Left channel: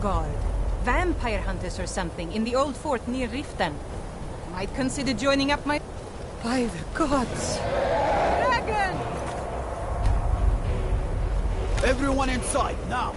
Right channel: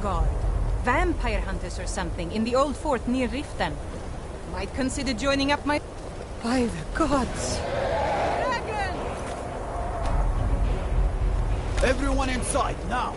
guard. Vampire hunters or something in the old fort near Riften. Might consider joining up my... By the gods! Dragon! Everyone inside, now!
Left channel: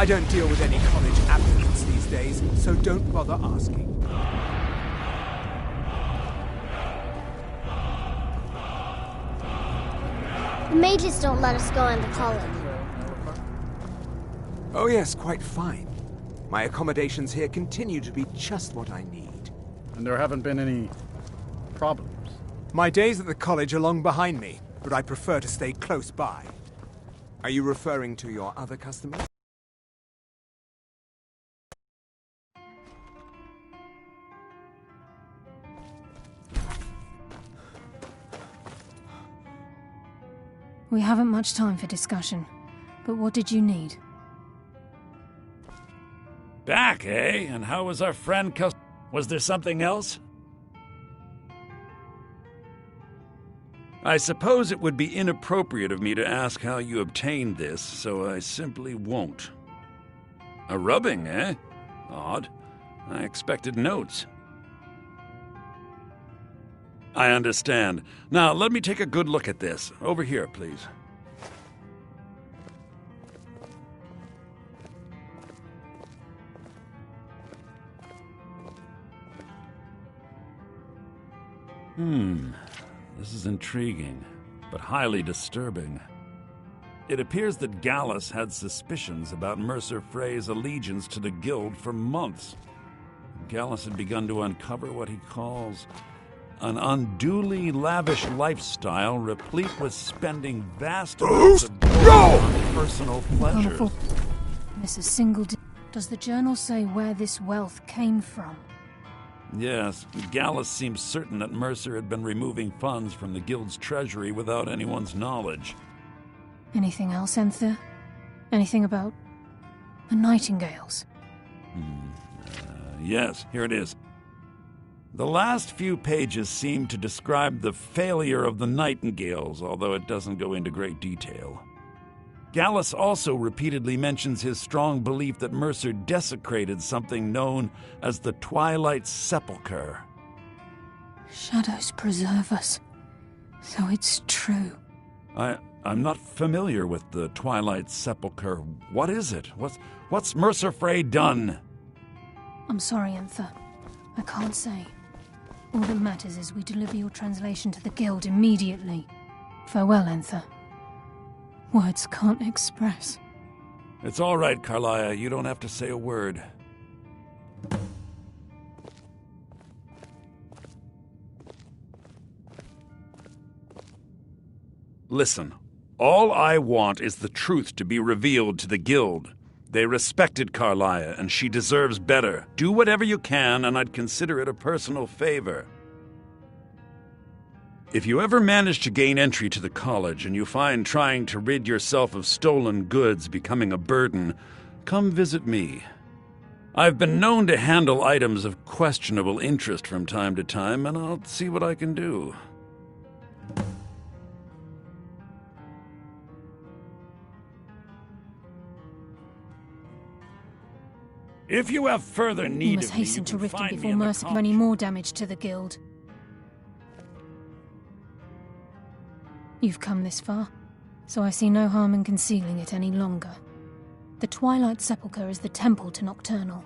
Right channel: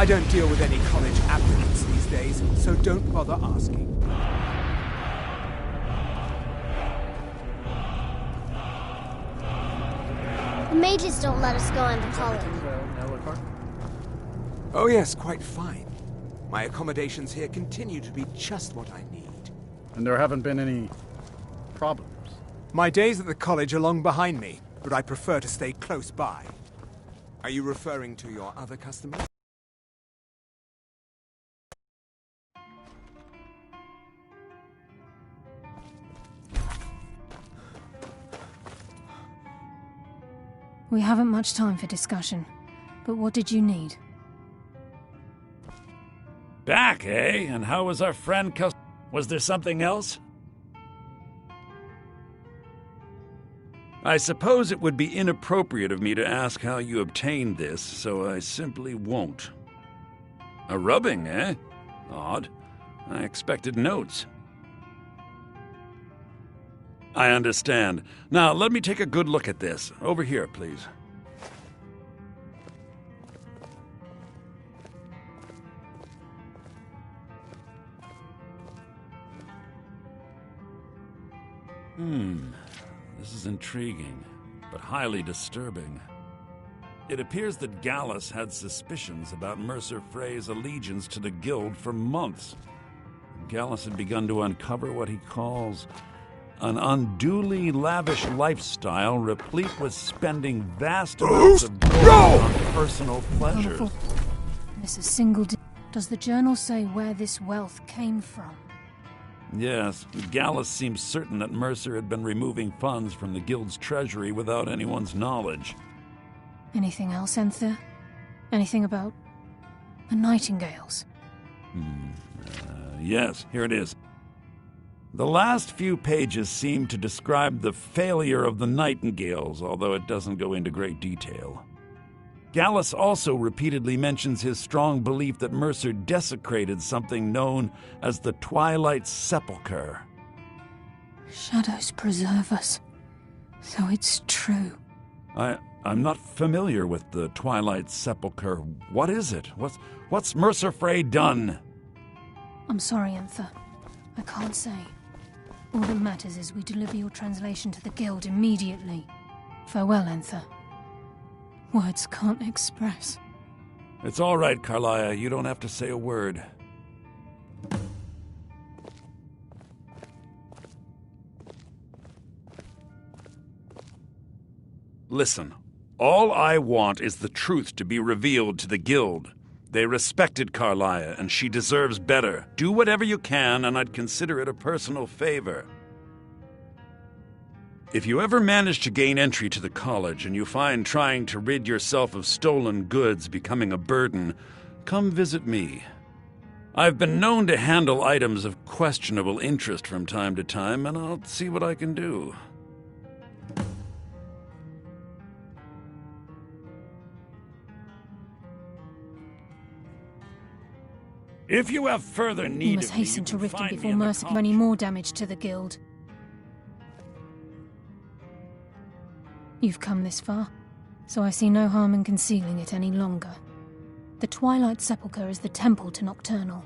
I don't deal with any college applicants these days, so don't bother asking. The mages don't let us go into college. Oh yes, quite fine. My accommodations here continue to be just what I need. And there haven't been any problems? My days at the college are long behind me, but I prefer to stay close by. Are you referring to your other customers? We haven't much time for discussion, but what did you need? Back, eh? And how was our friend Was there something else? I suppose it would be inappropriate of me to ask how you obtained this, so I simply won't. A rubbing, eh? Odd. I expected notes. I understand. Now, let me take a good look at this. Over here, please. This is intriguing, but highly disturbing. It appears that Gallus had suspicions about Mercer Frey's allegiance to the Guild for months. Gallus had begun to uncover what he calls an unduly lavish lifestyle replete with spending vast amounts of gold on personal pleasures. Miss a single Does the journal say where this wealth came from? Yes, Gallus seems certain that Mercer had been removing funds from the Guild's treasury without anyone's knowledge. Anything else, Enther? Anything about the Nightingales? Yes, here it is. The last few pages seem to describe the failure of the Nightingales, although it doesn't go into great detail. Gallus also repeatedly mentions his strong belief that Mercer desecrated something known as the Twilight Sepulchre. Shadows preserve us. So it's true. I'm not familiar with the Twilight Sepulchre. What is it? What's Mercer Frey done? I'm sorry, Enther. I can't say. All that matters is we deliver your translation to the Guild immediately. Farewell, Enther. Words can't express. It's all right, Carlia. You don't have to say a word. Listen, all I want is the truth to be revealed to the Guild. They respected Carlia, and she deserves better. Do whatever you can, and I'd consider it a personal favor. If you ever manage to gain entry to the college and you find trying to rid yourself of stolen goods becoming a burden, come visit me. I've been known to handle items of questionable interest from time to time, and I'll see what I can do. If you have further need You must of me, hasten to you can Riften find me before in the Mercer can do college. any more damage to the Guild. You've come this far, so I see no harm in concealing it any longer. The Twilight Sepulchre is the temple to Nocturnal.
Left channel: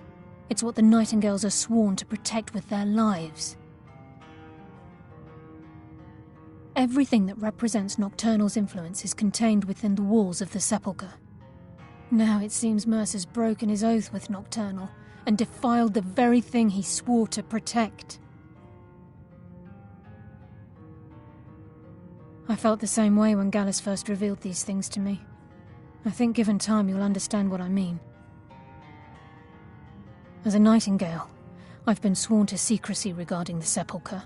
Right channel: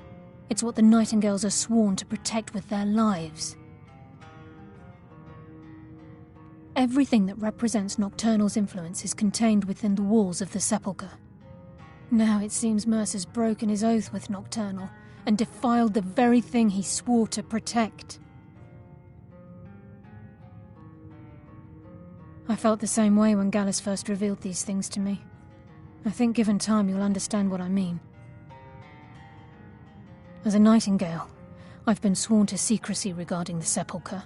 It's what the Nightingales are sworn to protect with their lives. Everything that represents Nocturnal's influence is contained within the walls of the Sepulchre. Now it seems Mercer's broken his oath with Nocturnal and defiled the very thing he swore to protect. I felt the same way when Gallus first revealed these things to me. I think given time you'll understand what I mean. As a Nightingale, I've been sworn to secrecy regarding the Sepulchre.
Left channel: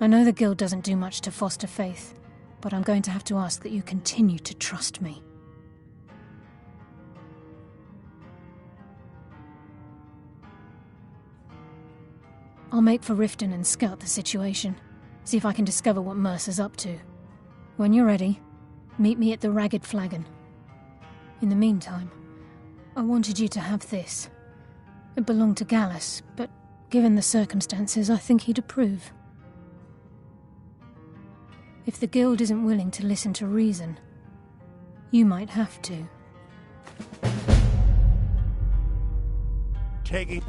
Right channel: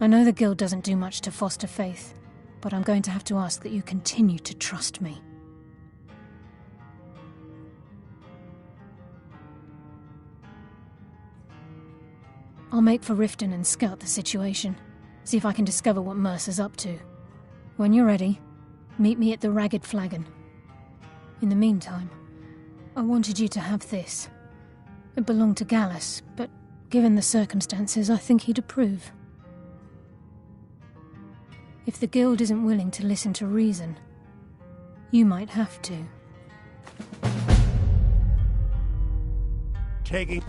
I know the Guild doesn't do much to foster faith, but I'm going to have to ask that you continue to trust me. I'll make for Riften and scout the situation, see if I can discover what Mercer's up to. When you're ready, meet me at the Ragged Flagon. In the meantime, I wanted you to have this. It belonged to Gallus, but given the circumstances, I think he'd approve. If the Guild isn't willing to listen to reason, you might have to. taking...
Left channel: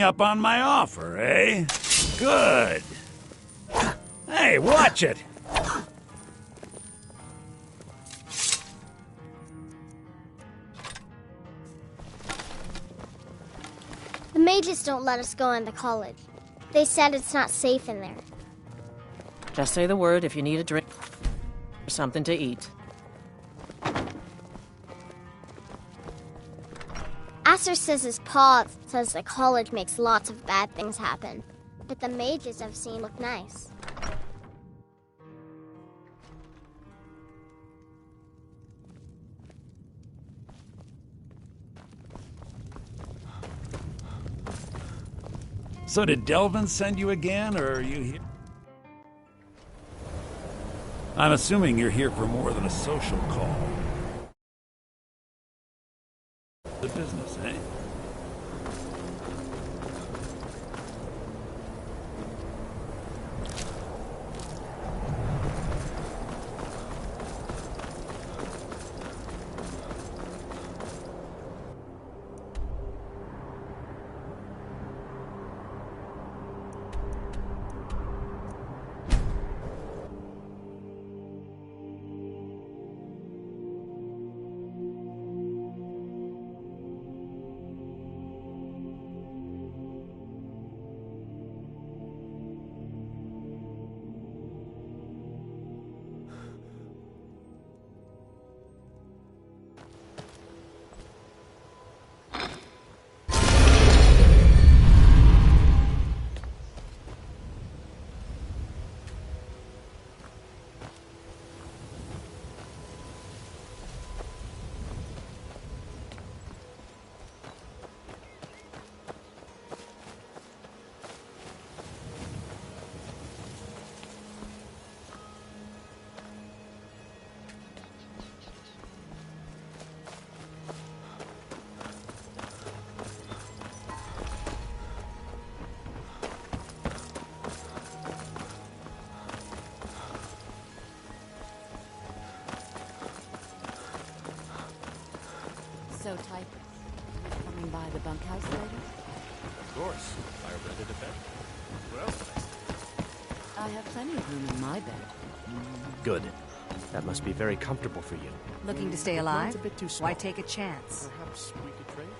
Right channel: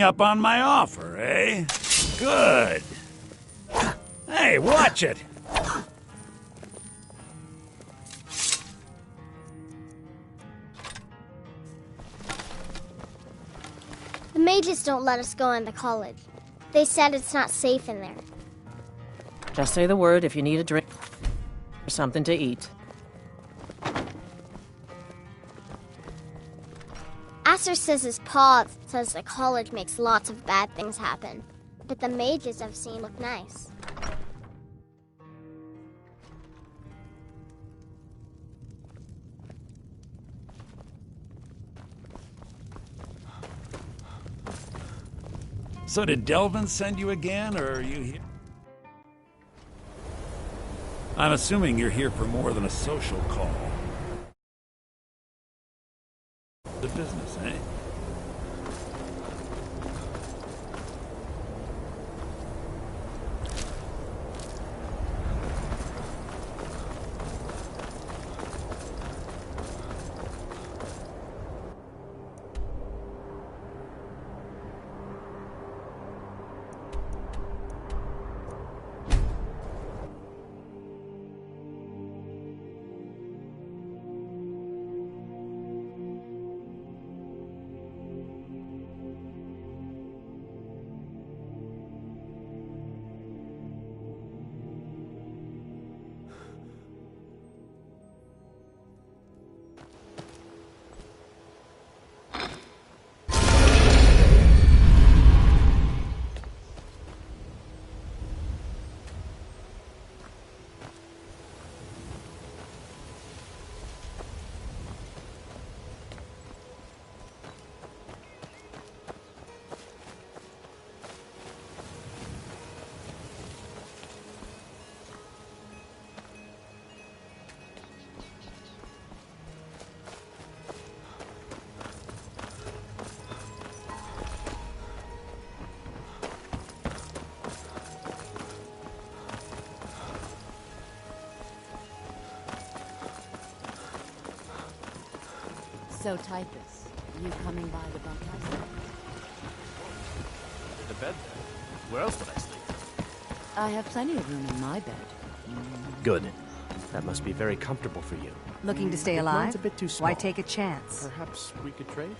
up on my offer, eh? Good. Hey, watch it! The mages don't let us go into college. They said it's not safe in there. Just say the word if you need a drink or something to eat. Aster says his pa says the college makes lots of bad things happen, but the mages I've seen look nice. So did Delvin send you again, or are you here? I'm assuming you're here for more than a social call. The business, eh? So, Typhus, you coming by the bunkhouse later? Of course. I rented a bed there. Where else would I sleep? I have plenty of room in my bed. Good. That must be very comfortable for you. Looking to stay But alive? mine's a bit too small. Why take a chance? Perhaps we could trade?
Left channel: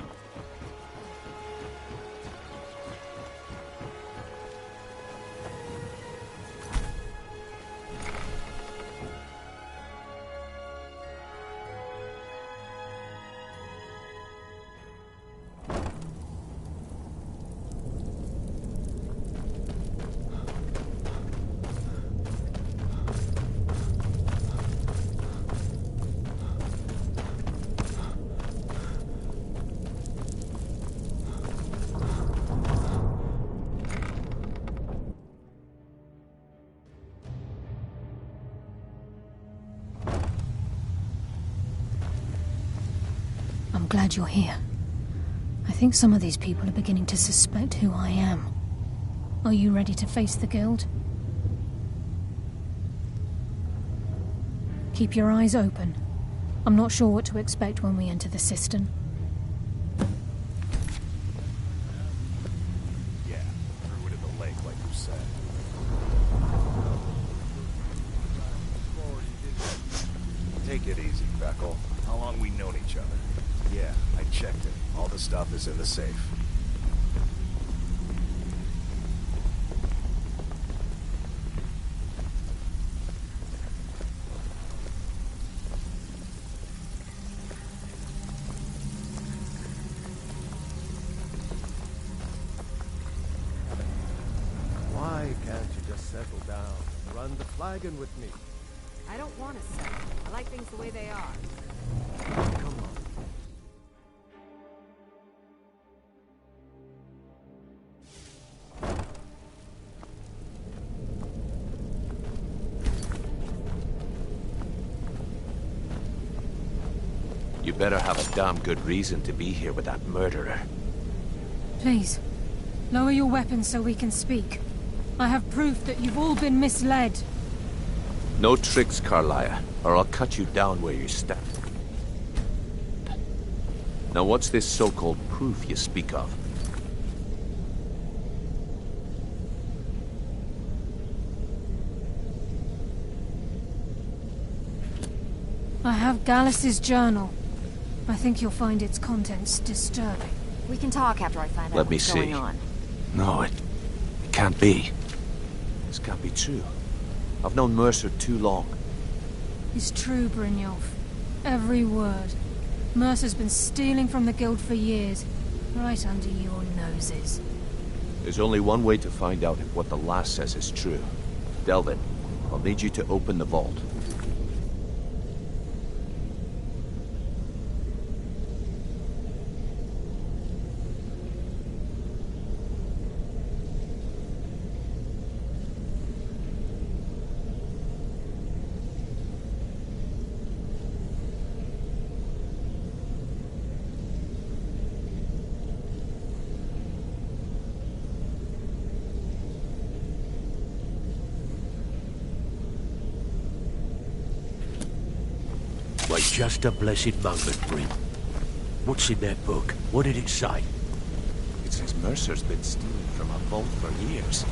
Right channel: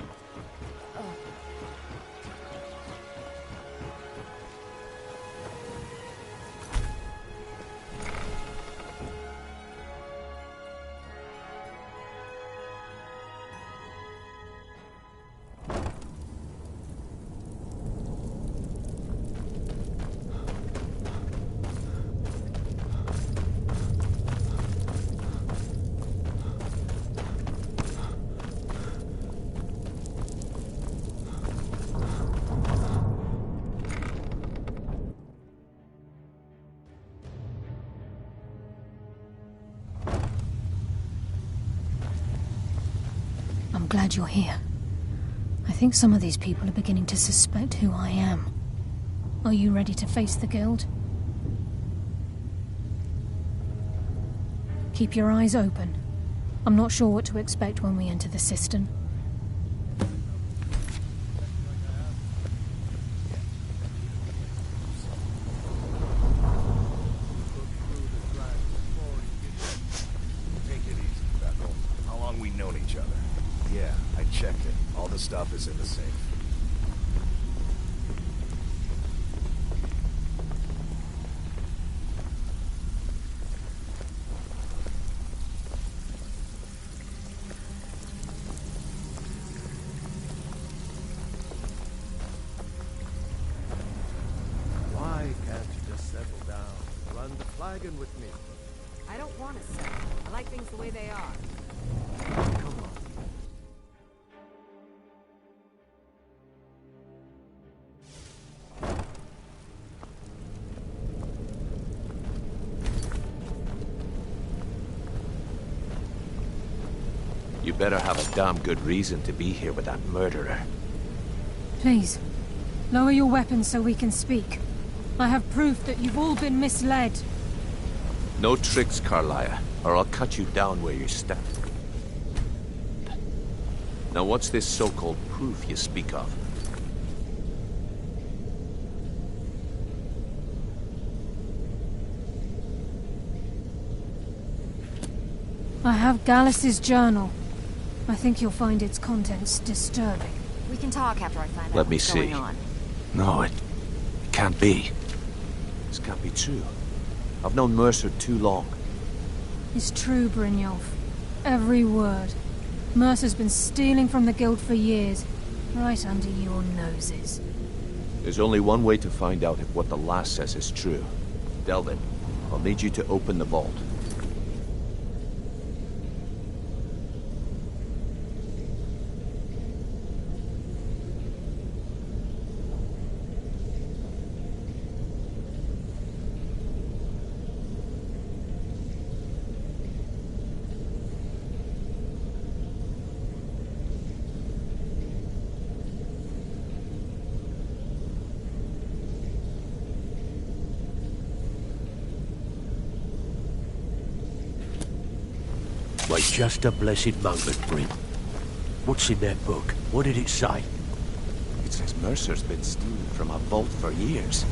I'm glad you're here. I think some of these people are beginning to suspect who I am. Are you ready to face the guild? Keep your eyes open. I'm not sure what to expect when we enter the cistern. Yeah, threw it in the lake like you said. Take it easy, Beckle. How long we known each other? Yeah, I checked it. All the stuff is in the safe. Why can't you just settle down and run the flagon with me? I don't want to settle. I like things the way they are. Come on. You better have a damn good reason to be here with that murderer. Please, Lower your weapons so we can speak. I have proof that you've all been misled. No tricks, Carlia, or I'll cut you down where you stand. Now what's this so-called proof you speak of? I have Gallus's journal. I think you'll find its contents disturbing. We can talk after I find out Let me what's see. going on. No, it can't be. This can't be true. I've known Mercer too long. It's true, Brynjolf. Every word. Mercer's been stealing from the Guild for years, right under your noses. There's only one way to find out if what the lass says is true. Delvin, I'll need you to open the vault. Wait just a blessed moment, Bryn. What's in that book? What did it say? It says Mercer's been stealing from our vault for years.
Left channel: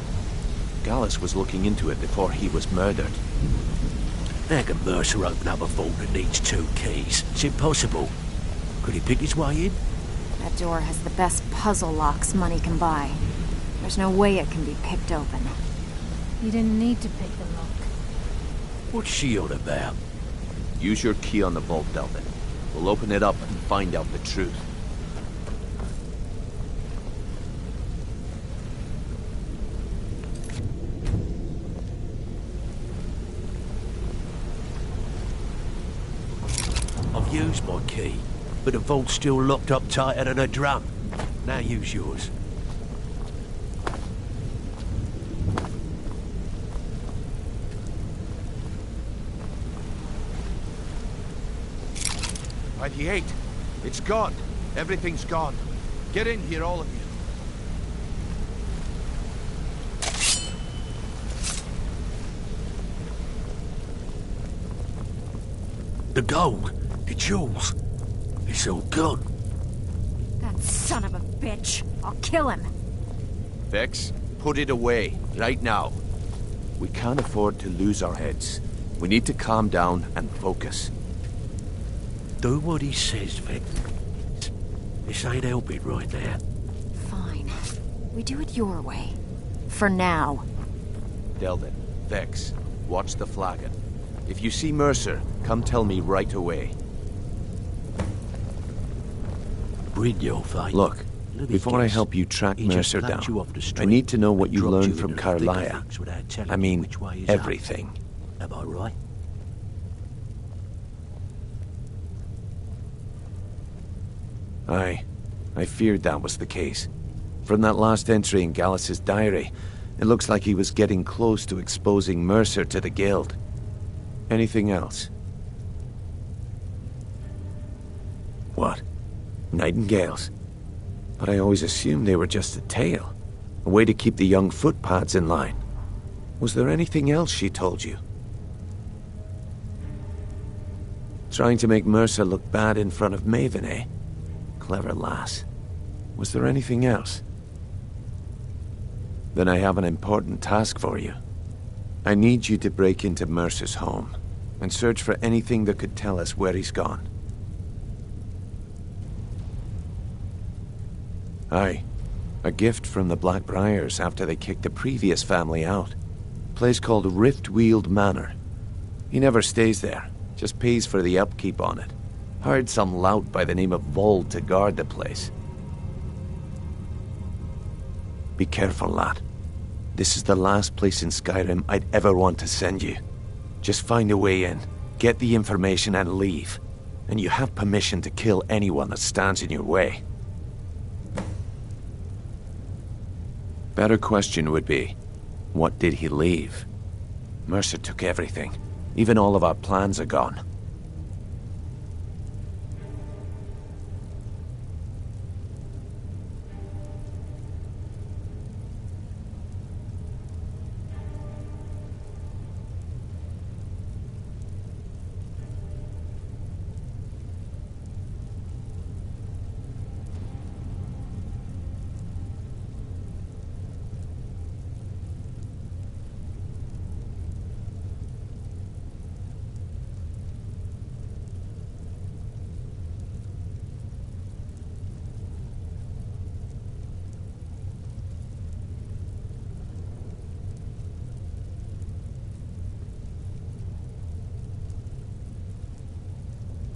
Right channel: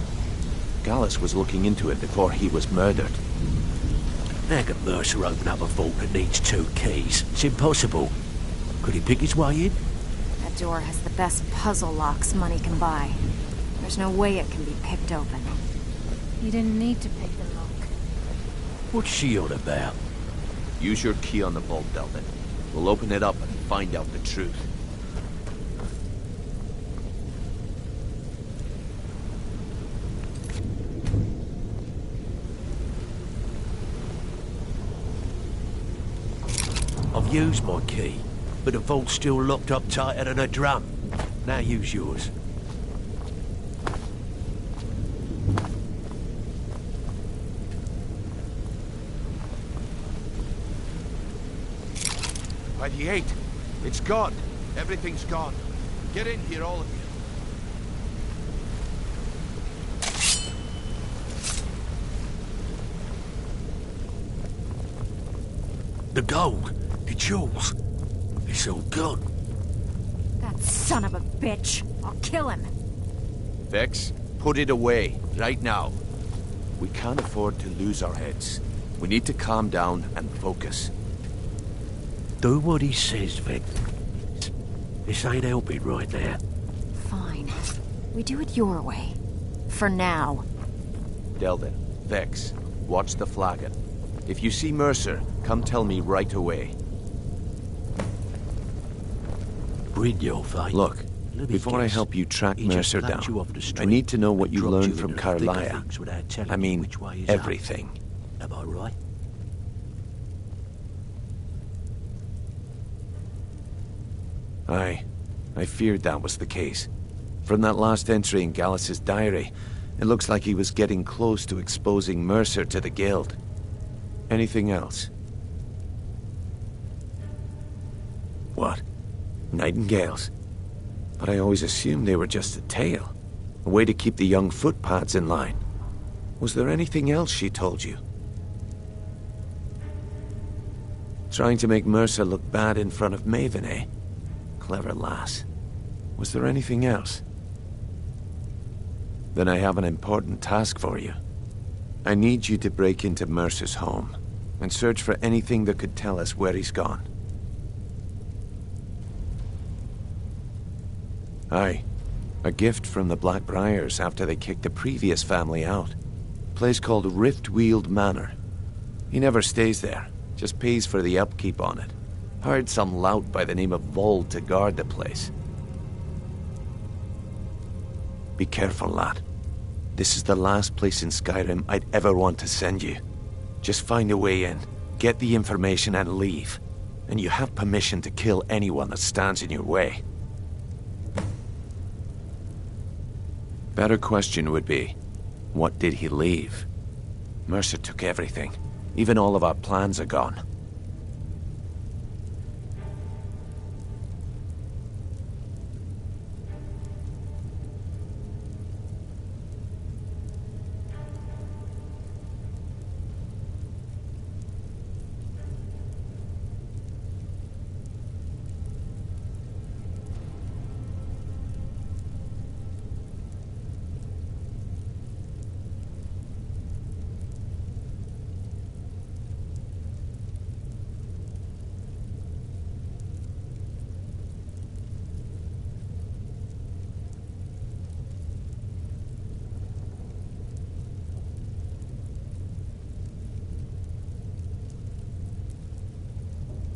Gallus was looking into it before he was murdered. How can Mercer open up a vault that needs 2 keys? It's impossible. Could he pick his way in? That door has the best puzzle locks money can buy. There's no way it can be picked open. You didn't need to pick the lock. What's she on about? Use your key on the vault, Delvin. We'll open it up and find out the truth. I've used my key, but the vault's still locked up tighter than a drum. Now use yours. By the 8. It's gone. Everything's gone. Get in here, all of you. The gold, the jewels, it's all gone. That son of a bitch! I'll kill him! Vex, put it away, right now. We can't afford to lose our heads. We need to calm down and focus. Do what he says, Vex. This ain't helping right now. Fine. We do it your way. For now. Delvin, Vex, watch the flagon. If you see Mercer, come tell me right away. Brynjolf, eh? Look, Let me before I guess. help you track He just Mercer slapped down, you off the street I need to know what and you dropped learned you from into the thick of Carlia. things without telling I you mean, which way is everything. up. Am I right? I feared that was the case. From that last entry in Gallus's diary, it looks like he was getting close to exposing Mercer to the Guild. Anything else? What? Nightingales? But I always assumed they were just a tale. A way to keep the young footpads in line. Was there anything else she told you? Trying to make Mercer look bad in front of Maven, eh? Clever lass. Was there anything else? Then I have an important task for you. I need you to break into Mercer's home and search for anything that could tell us where he's gone. Aye. A gift from the Blackbriars after they kicked the previous family out. Place called Riftweald Manor. He never stays there, just pays for the upkeep on it. Hired some lout by the name of Vold to guard the place. Be careful, lad. This is the last place in Skyrim I'd ever want to send you. Just find a way in, get the information and leave. And you have permission to kill anyone that stands in your way. Better question would be, what did he leave? Mercer took everything. Even all of our plans are gone.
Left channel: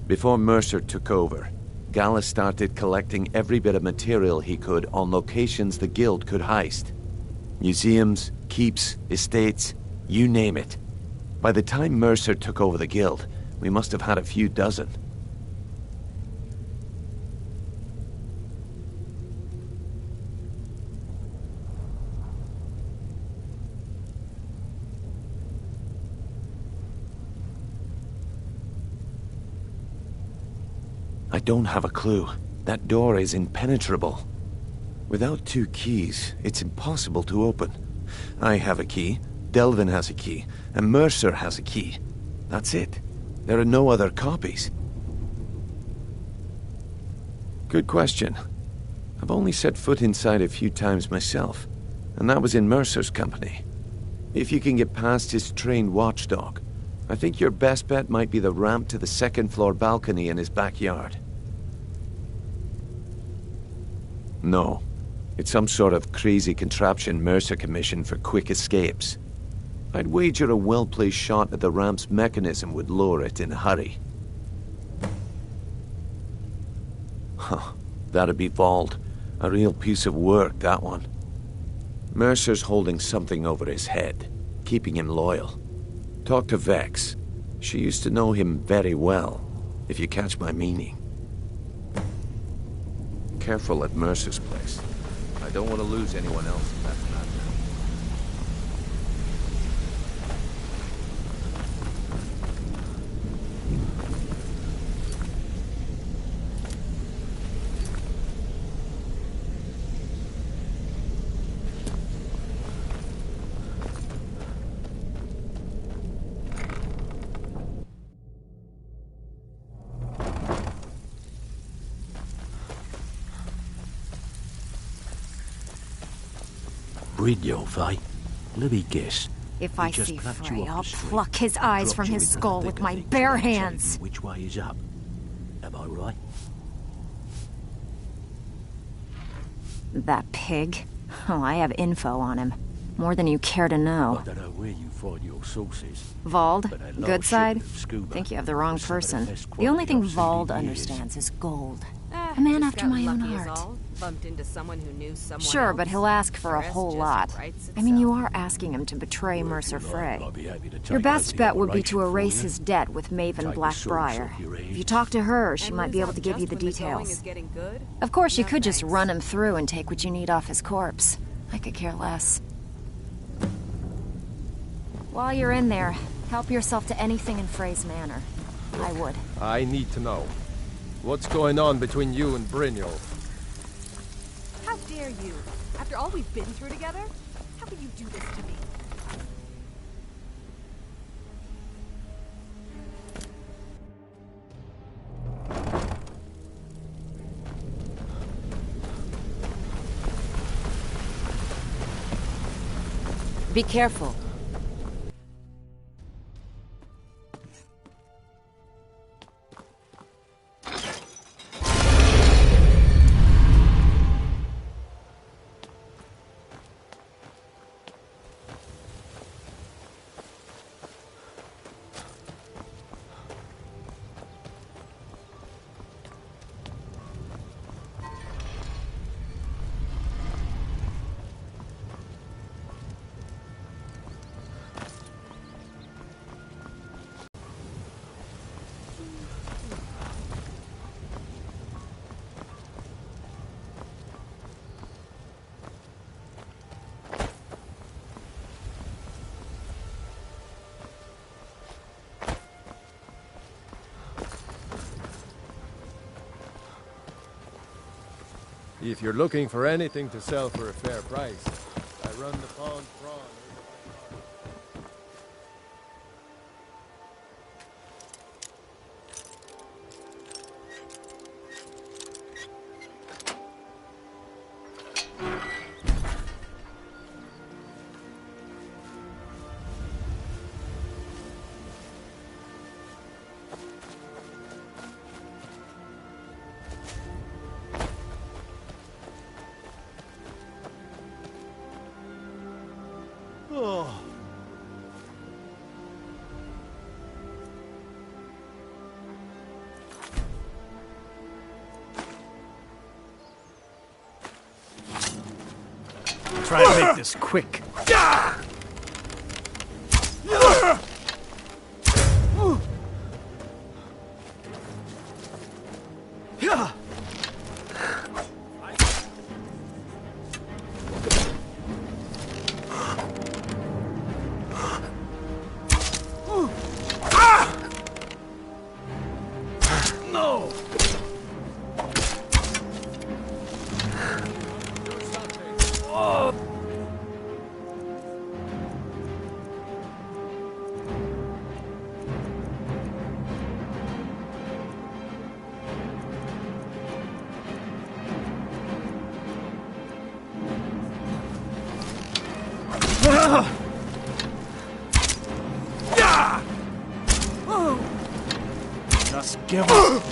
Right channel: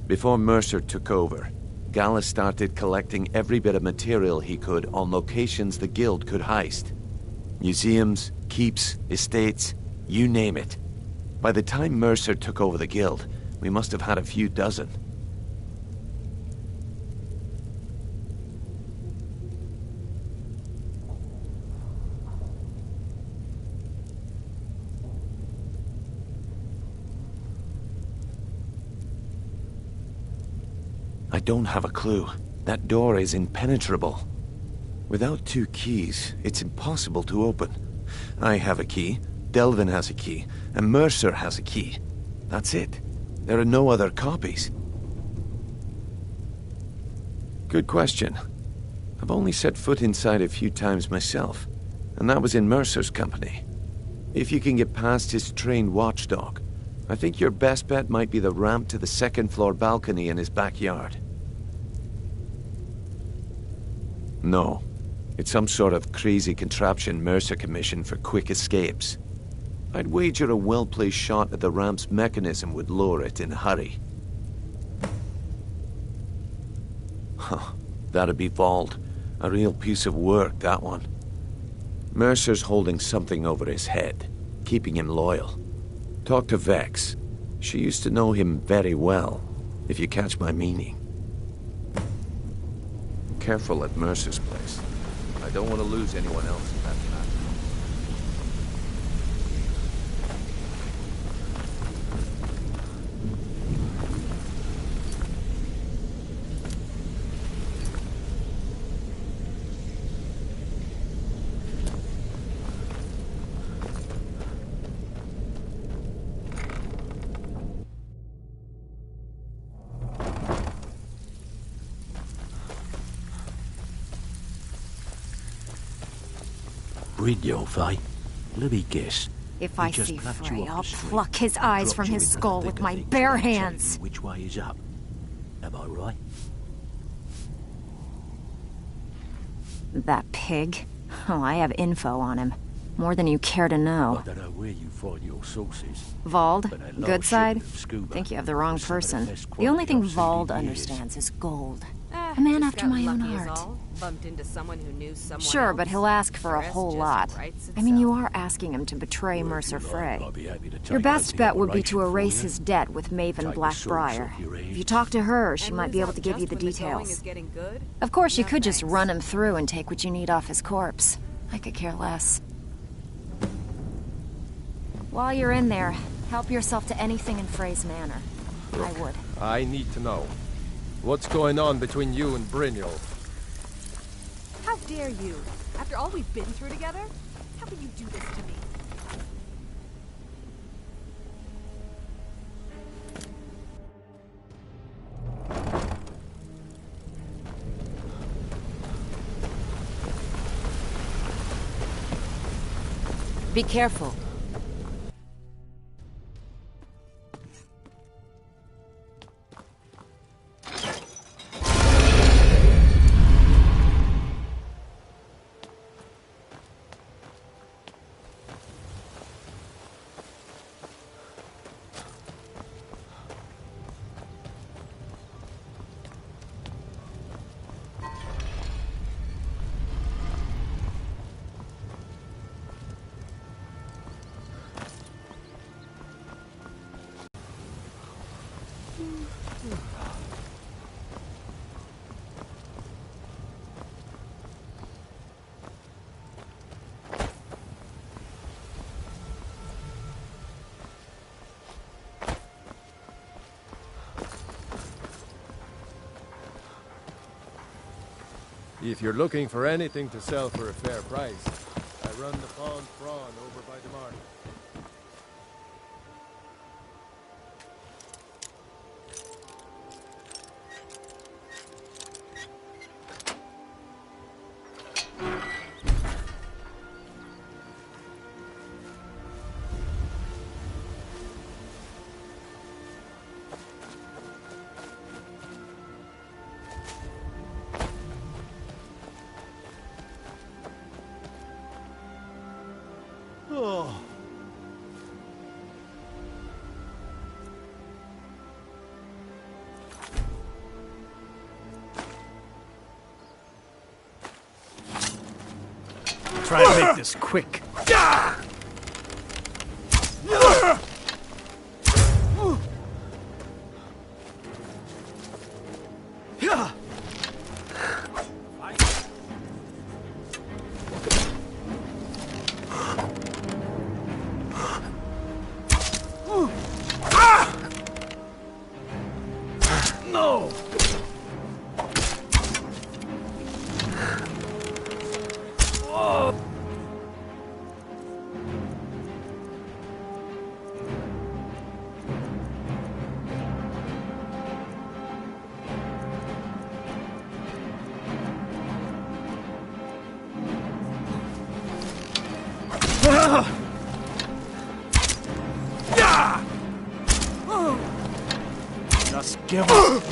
Before Mercer took over, Gallus started collecting every bit of material he could on locations the Guild could heist. Museums, keeps, estates, you name it. By the time Mercer took over the Guild, we must have had a few dozen. I don't have a clue. That door is impenetrable. Without 2 keys, it's impossible to open. I have a key, Delvin has a key, and Mercer has a key. That's it. There are no other copies. Good question. I've only set foot inside a few times myself, and that was in Mercer's company. If you can get past his trained watchdog, I think your best bet might be the ramp to the 2nd floor balcony in his backyard. No. It's some sort of crazy contraption Mercer commissioned for quick escapes. I'd wager a well-placed shot at the ramp's mechanism would lower it in a hurry. Huh. That'd be Vald. A real piece of work, that one. Mercer's holding something over his head, keeping him loyal. Talk to Vex. She used to know him very well, if you catch my meaning. Careful at Mercer's place. I don't want to lose anyone else in that matter. Brynjolf, eh? Let me guess. If He I just see plucked you Frey, off I'll the street, pluck his eyes dropped from you his into the skull thick with of my things bare without telling hands. you which way is up. Am I right? That pig? Oh, I have info on him. More than you care to know. I don't know where you find your sources. Vald? but that Good large side? shipment of scuba Think you have the wrong was some of the person. best The only quality thing I've seen Vald in years. understands is gold. A man Just after got my own lucky is heart. all. Bumped into someone who knew someone Sure, else. but he'll ask for The a rest whole just lot. writes I mean, you itself. are asking him to betray Well, if Mercer you like, Frey. I'll be happy to take Your over best the bet would be to operation for erase you. his debt with Maven Take the Black swords Briar. off your If you hands. talk to her, she And might lose be able out to give you just the when the going details. is getting good? Of course, you No, could just thanks. run him through and take what you need off his corpse. I could care less. While you're in there, help yourself to anything in Frey's manor. I would. I need to know. What's going on between you and Brynjolf? How dare you? After all we've been through together? How could you do this to me? Be careful. If you're looking for anything to sell for a fair price, I run the Pond Prawn over by the market. try and make this quick. No! Oh. Just give up.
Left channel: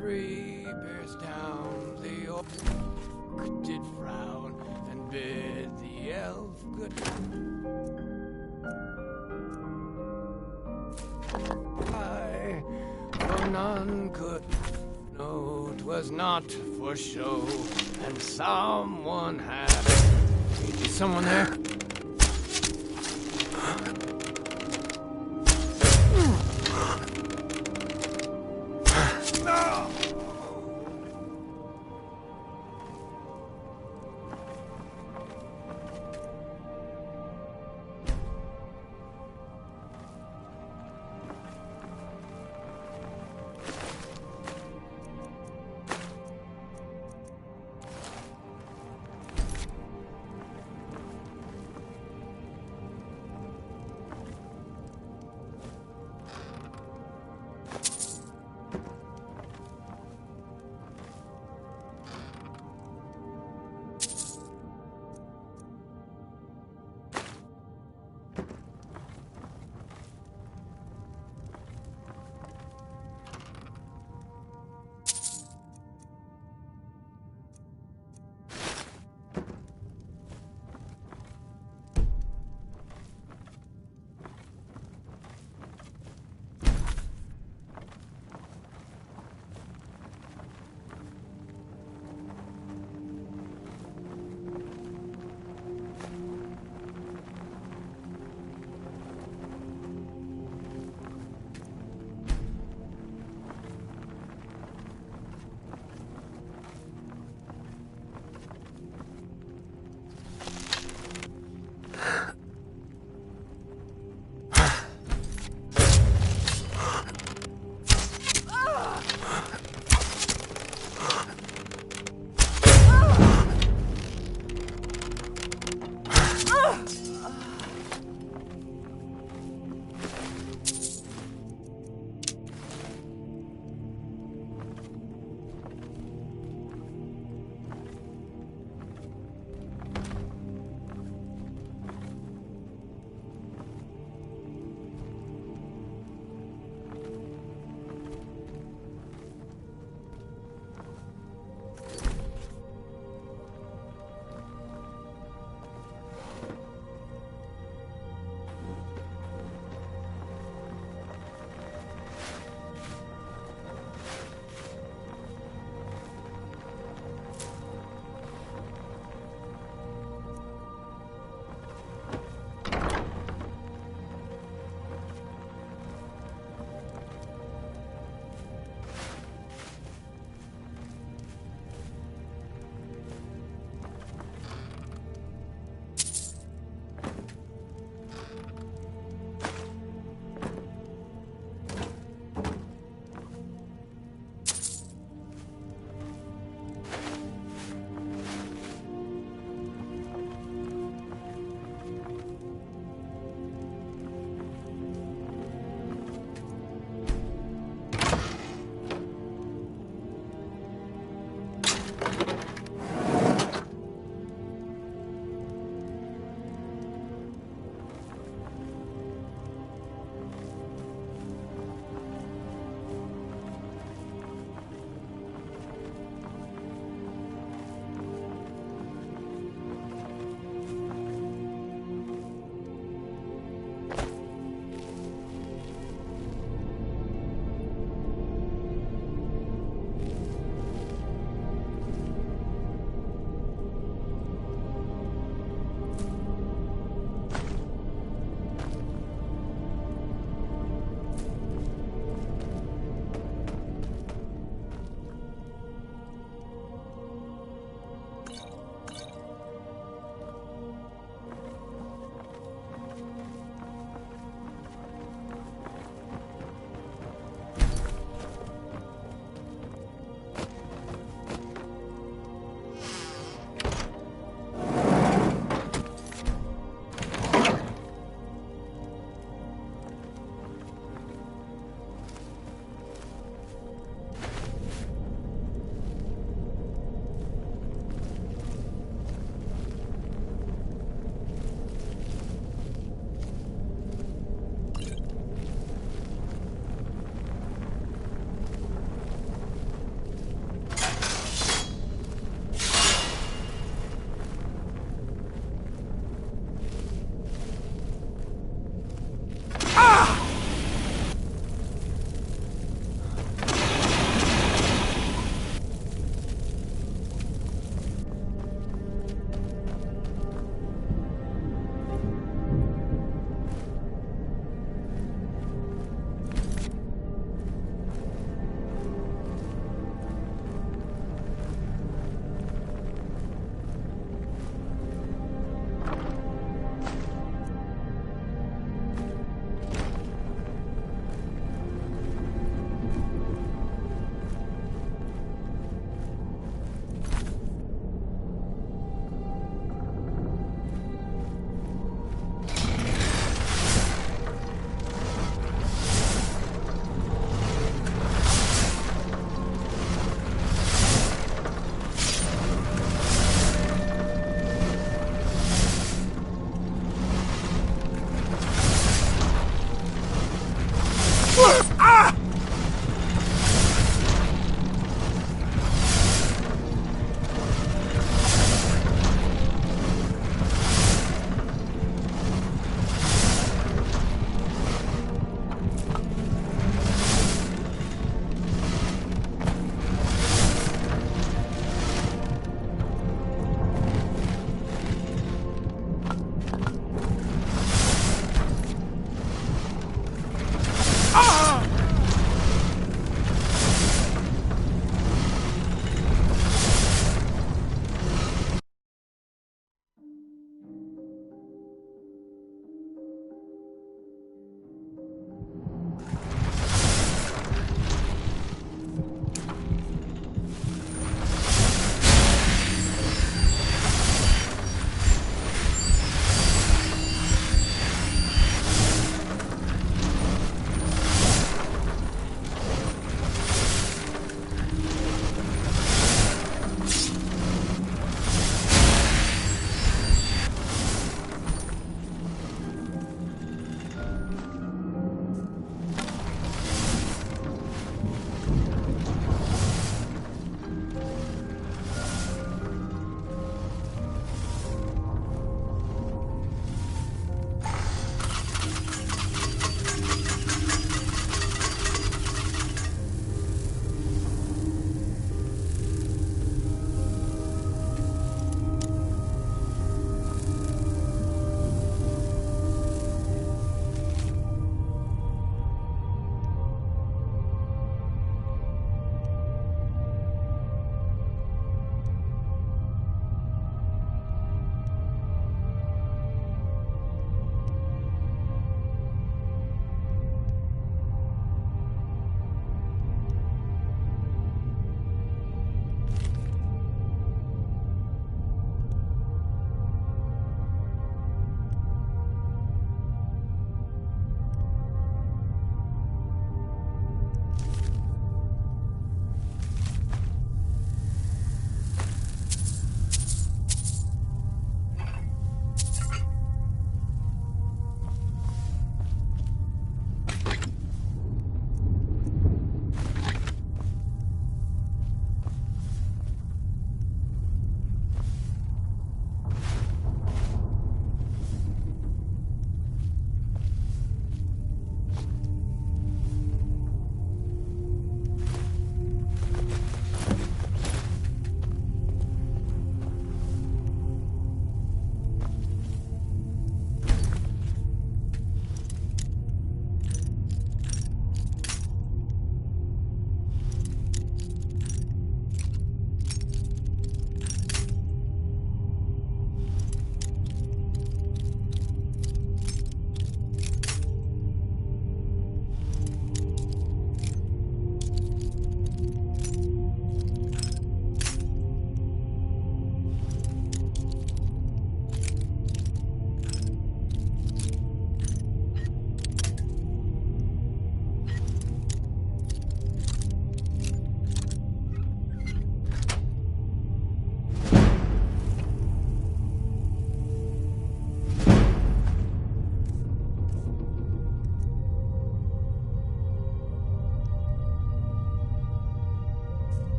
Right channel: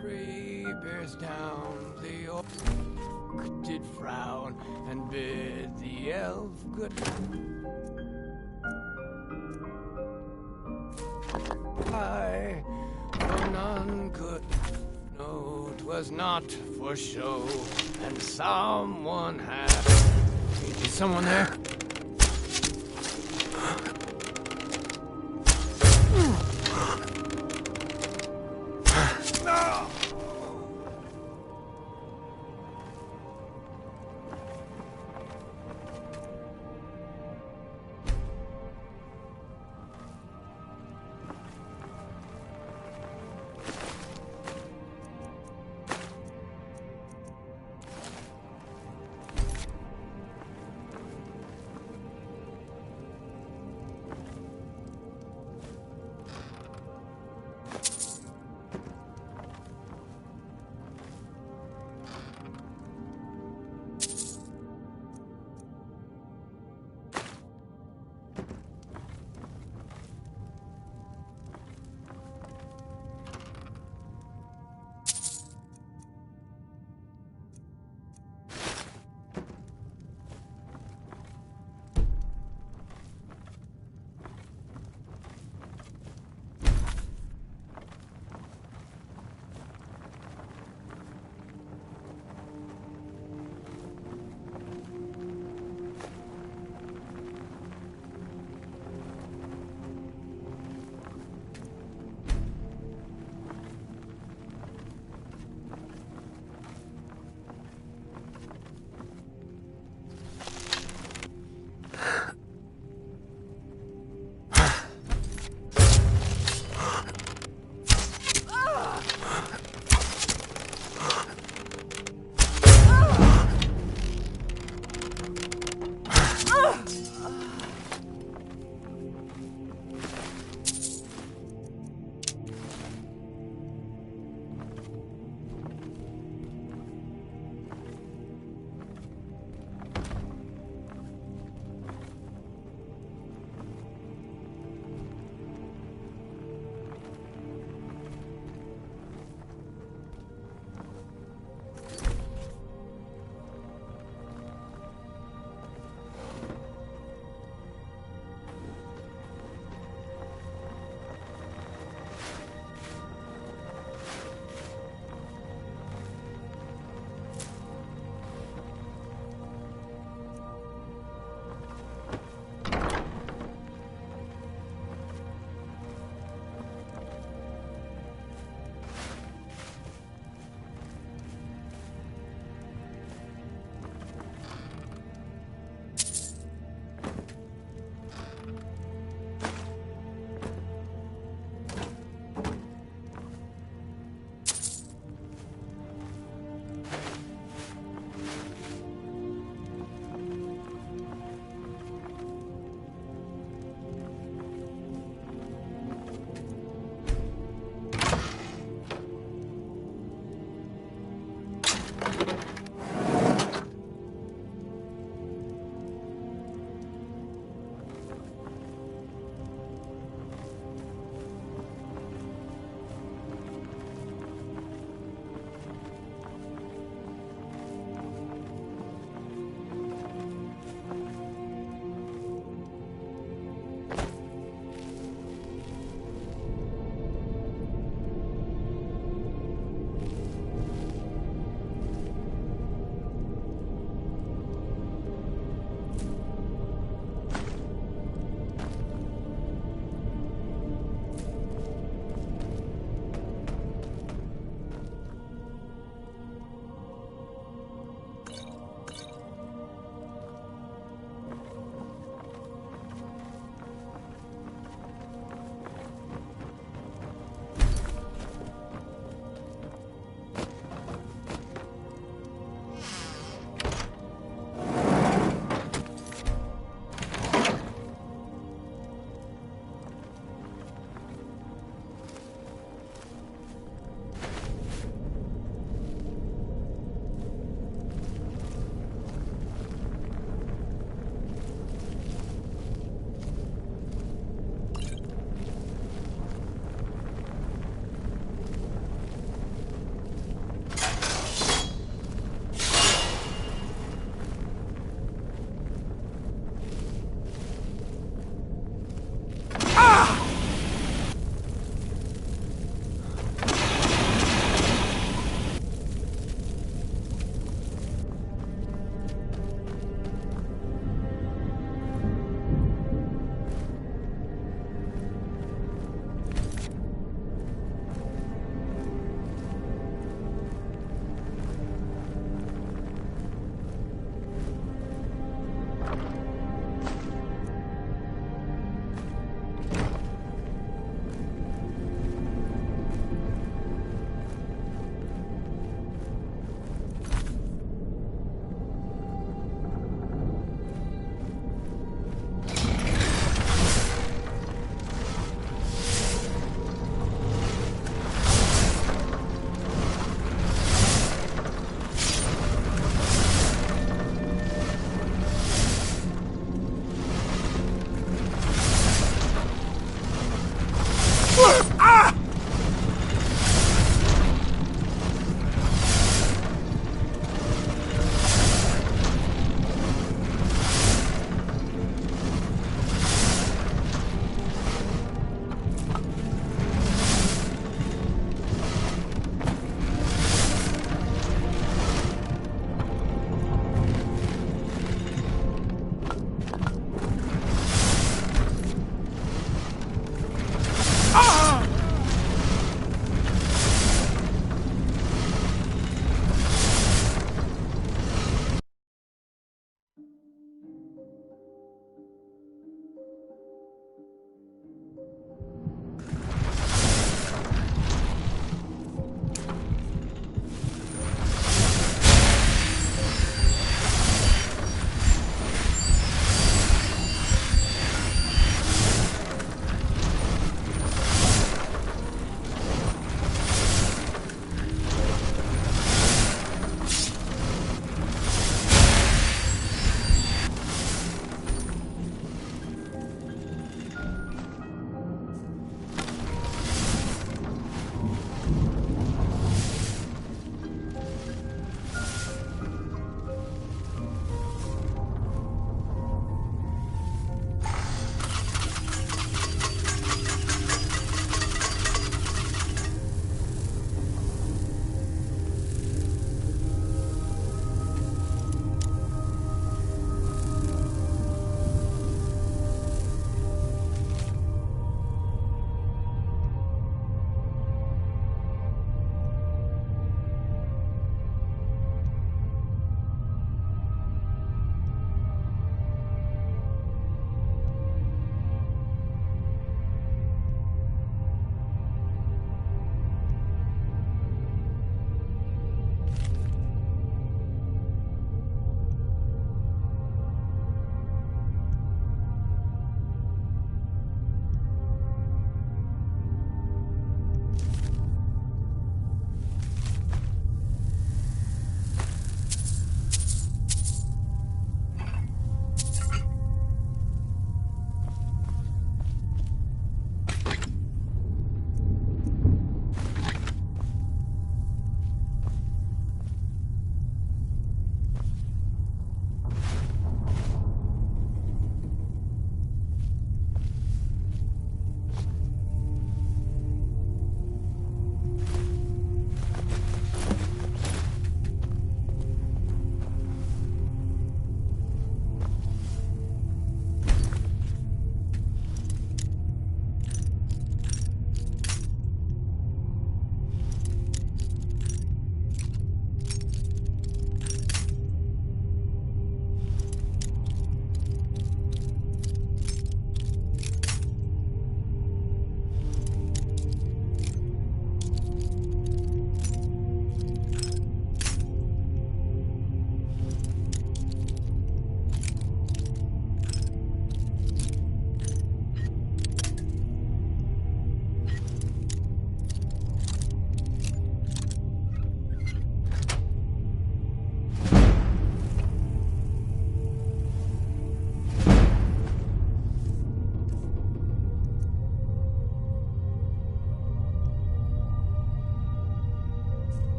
Three bears down, the orc did frown and bid the elf good. I, for none could know 'twas not for show, and someone had. Is someone there? No!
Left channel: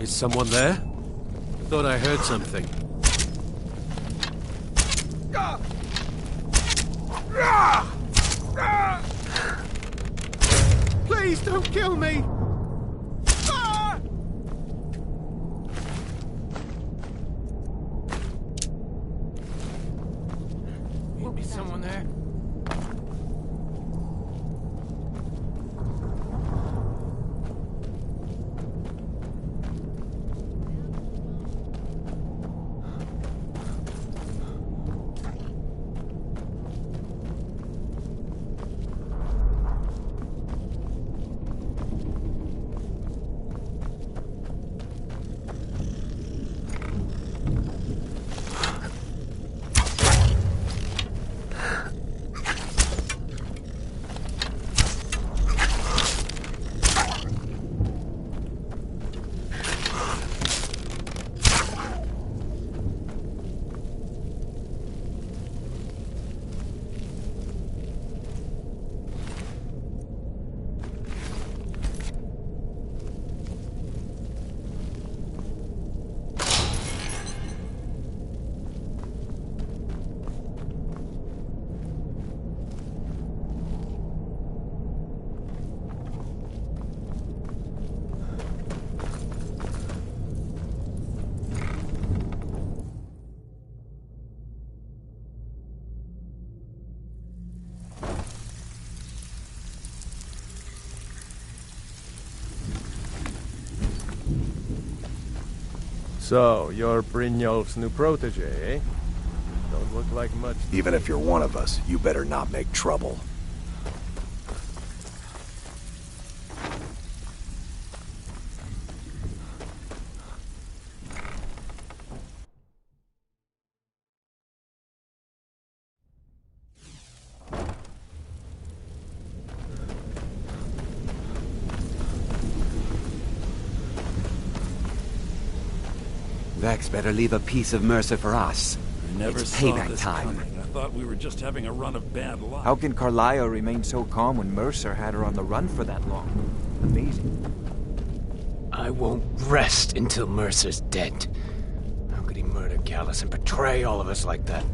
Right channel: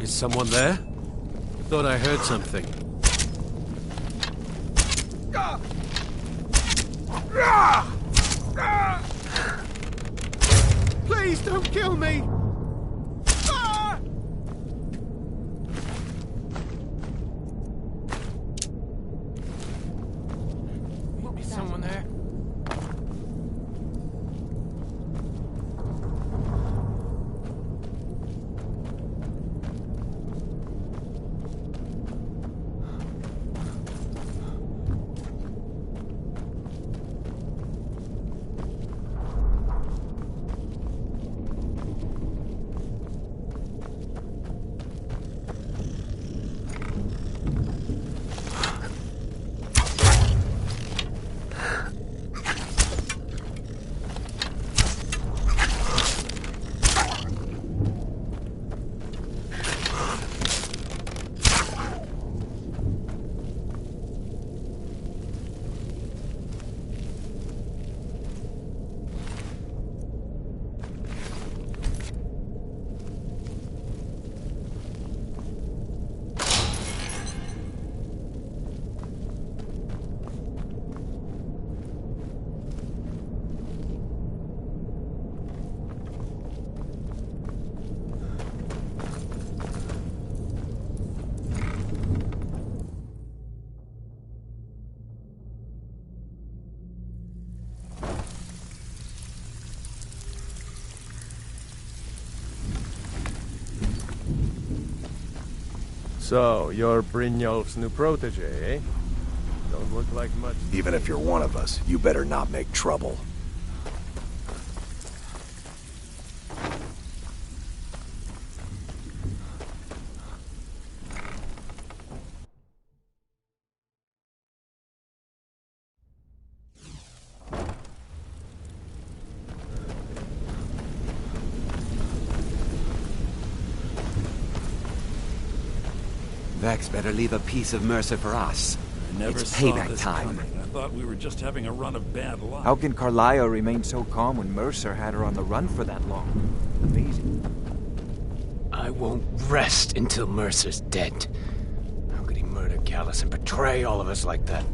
Is someone there? Thought I heard something. Please don't kill me! Be someone there? So, you're Brynjolf's new protege, eh? Don't look like much. Even if you're one of us, you better not make trouble. Vex better leave a piece of Mercer for us. I never It's saw payback this time. coming. I thought we were just having a run of bad luck. How can Carlisle remain so calm when Mercer had her on the run for that long? Amazing. I won't rest until Mercer's dead. How could he murder Gallus and betray all of us like that?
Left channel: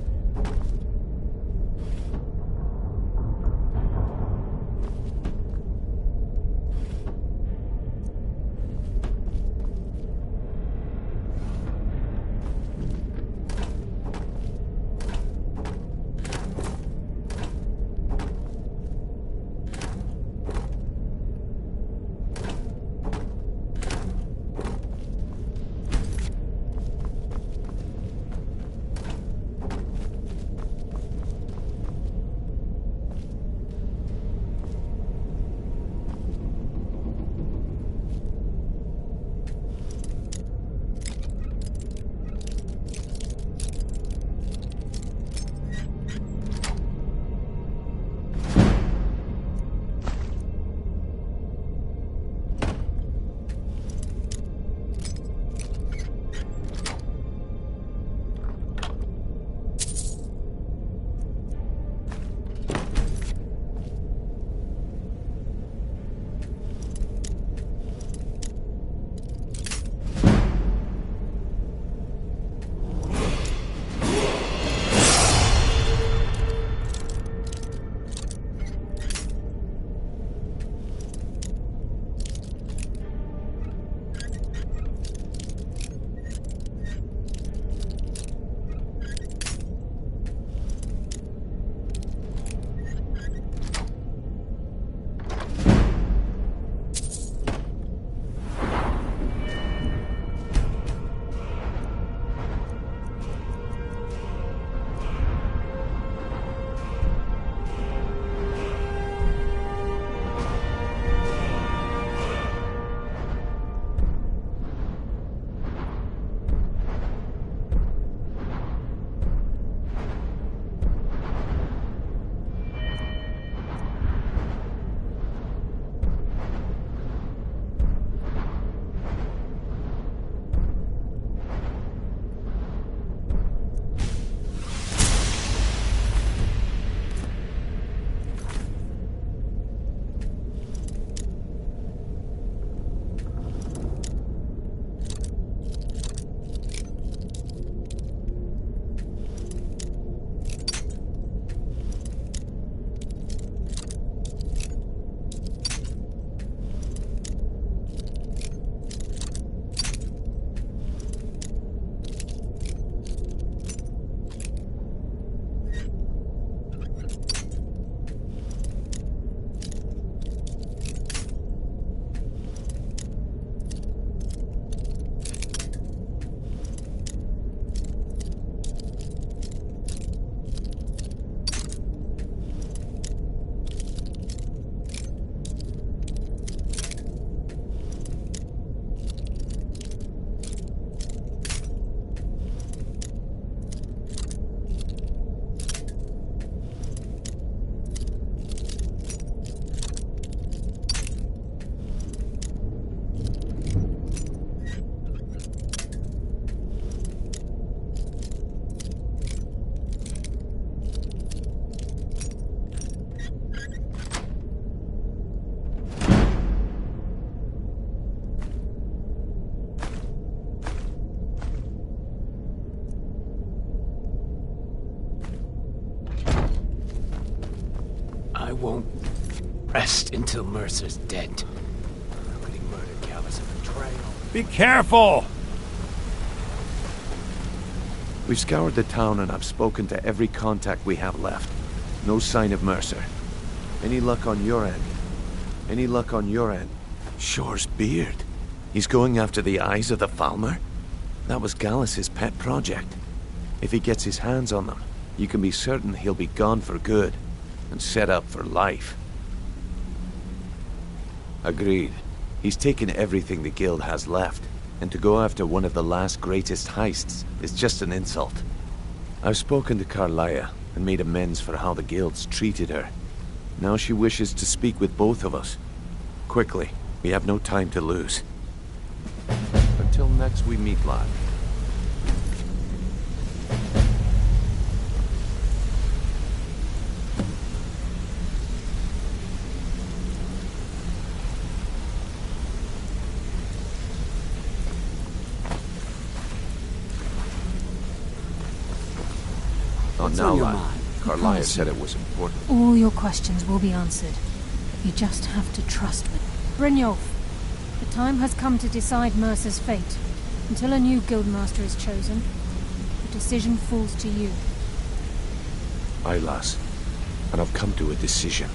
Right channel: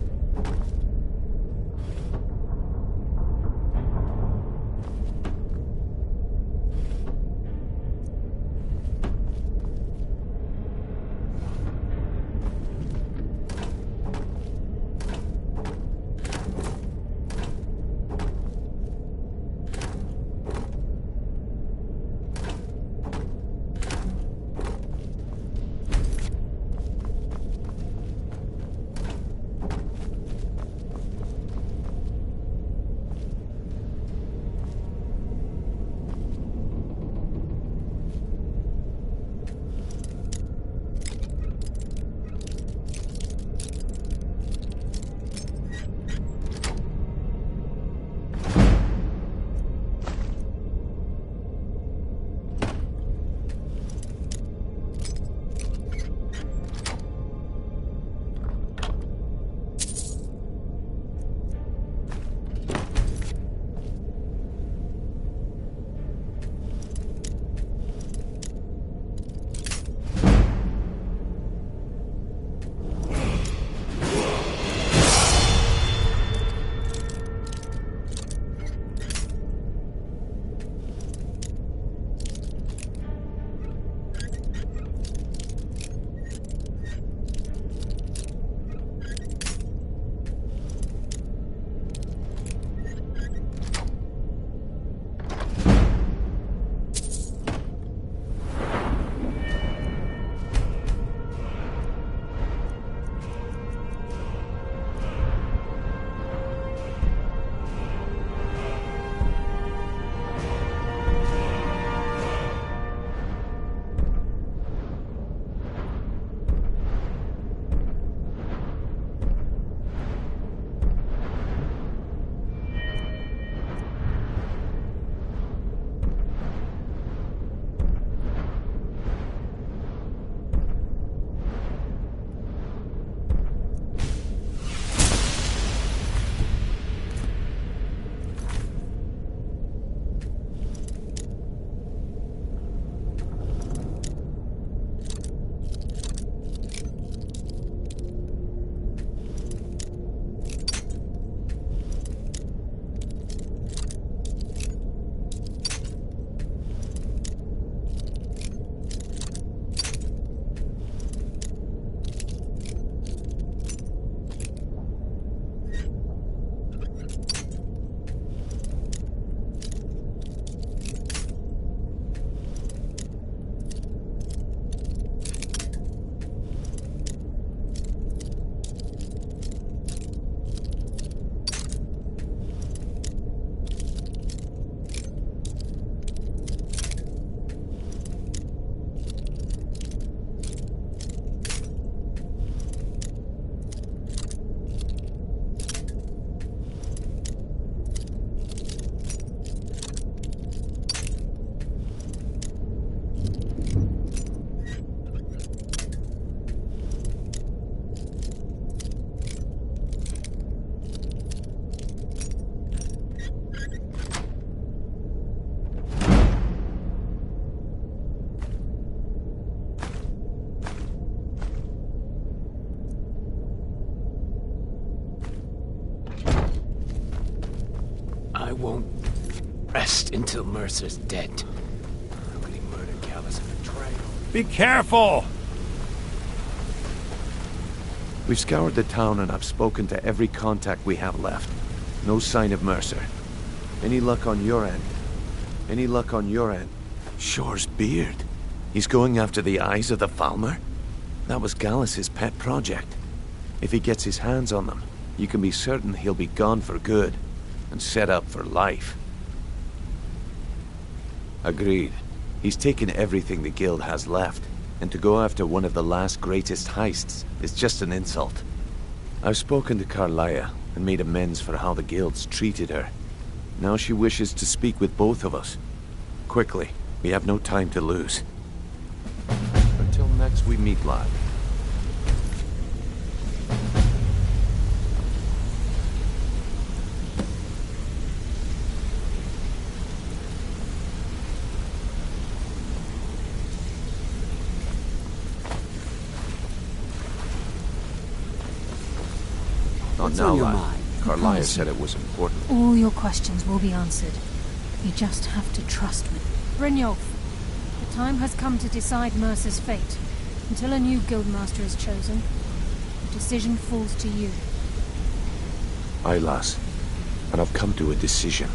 won't rest until Mercer's dead. How could he murder Gallus in betrayal? Be careful! We've scoured the town and I've spoken to every contact we have left. No sign of Mercer. Any luck on your end? Any luck on your end? Shore's beard. He's going after the eyes of the Falmer? That was Gallus's pet project. If he gets his hands on them, you can be certain he'll be gone for good, and set up for life. Agreed. He's taken everything the Guild has left, and to go after one of the last greatest heists is just an insult. I've spoken to Carlia, and made amends for how the Guild's treated her. Now she wishes to speak with both of us. Quickly, we have no time to lose. Until next we meet, lad. What's now, on your lad. mind? Carlia said it was important. All your questions will be answered. You just have to trust me. Brynjolf, the time has come to decide Mercer's fate. Until a new guildmaster is chosen, the decision falls to you. Aye, lass. And I've come to a decision.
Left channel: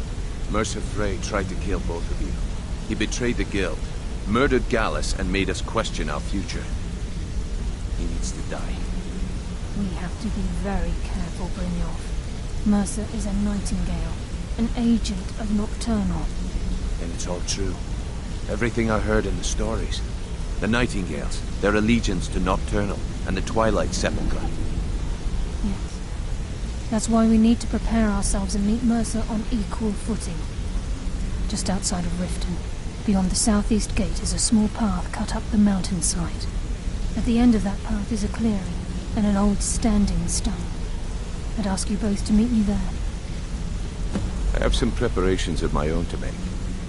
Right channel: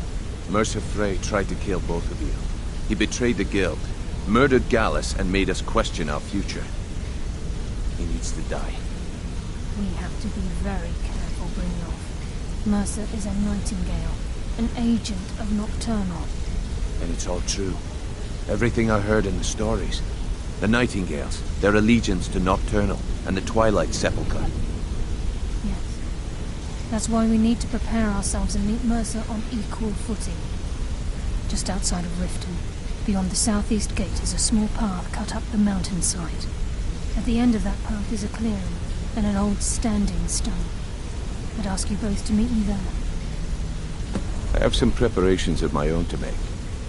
Mercer Frey tried to kill both of you. He betrayed the Guild, murdered Gallus, and made us question our future. He needs to die. We have to be very careful, Brynjolf. Mercer is a Nightingale, an agent of Nocturnal. And it's all true. Everything I heard in the stories. The Nightingales, their allegiance to Nocturnal, and the Twilight Sepulchre. Yes. That's why we need to prepare ourselves and meet Mercer on equal footing. Just outside of Riften, beyond the southeast gate, is a small path cut up the mountainside. At the end of that path is a clearing, and an old standing stone. I'd ask you both to meet me there. I have some preparations of my own to make.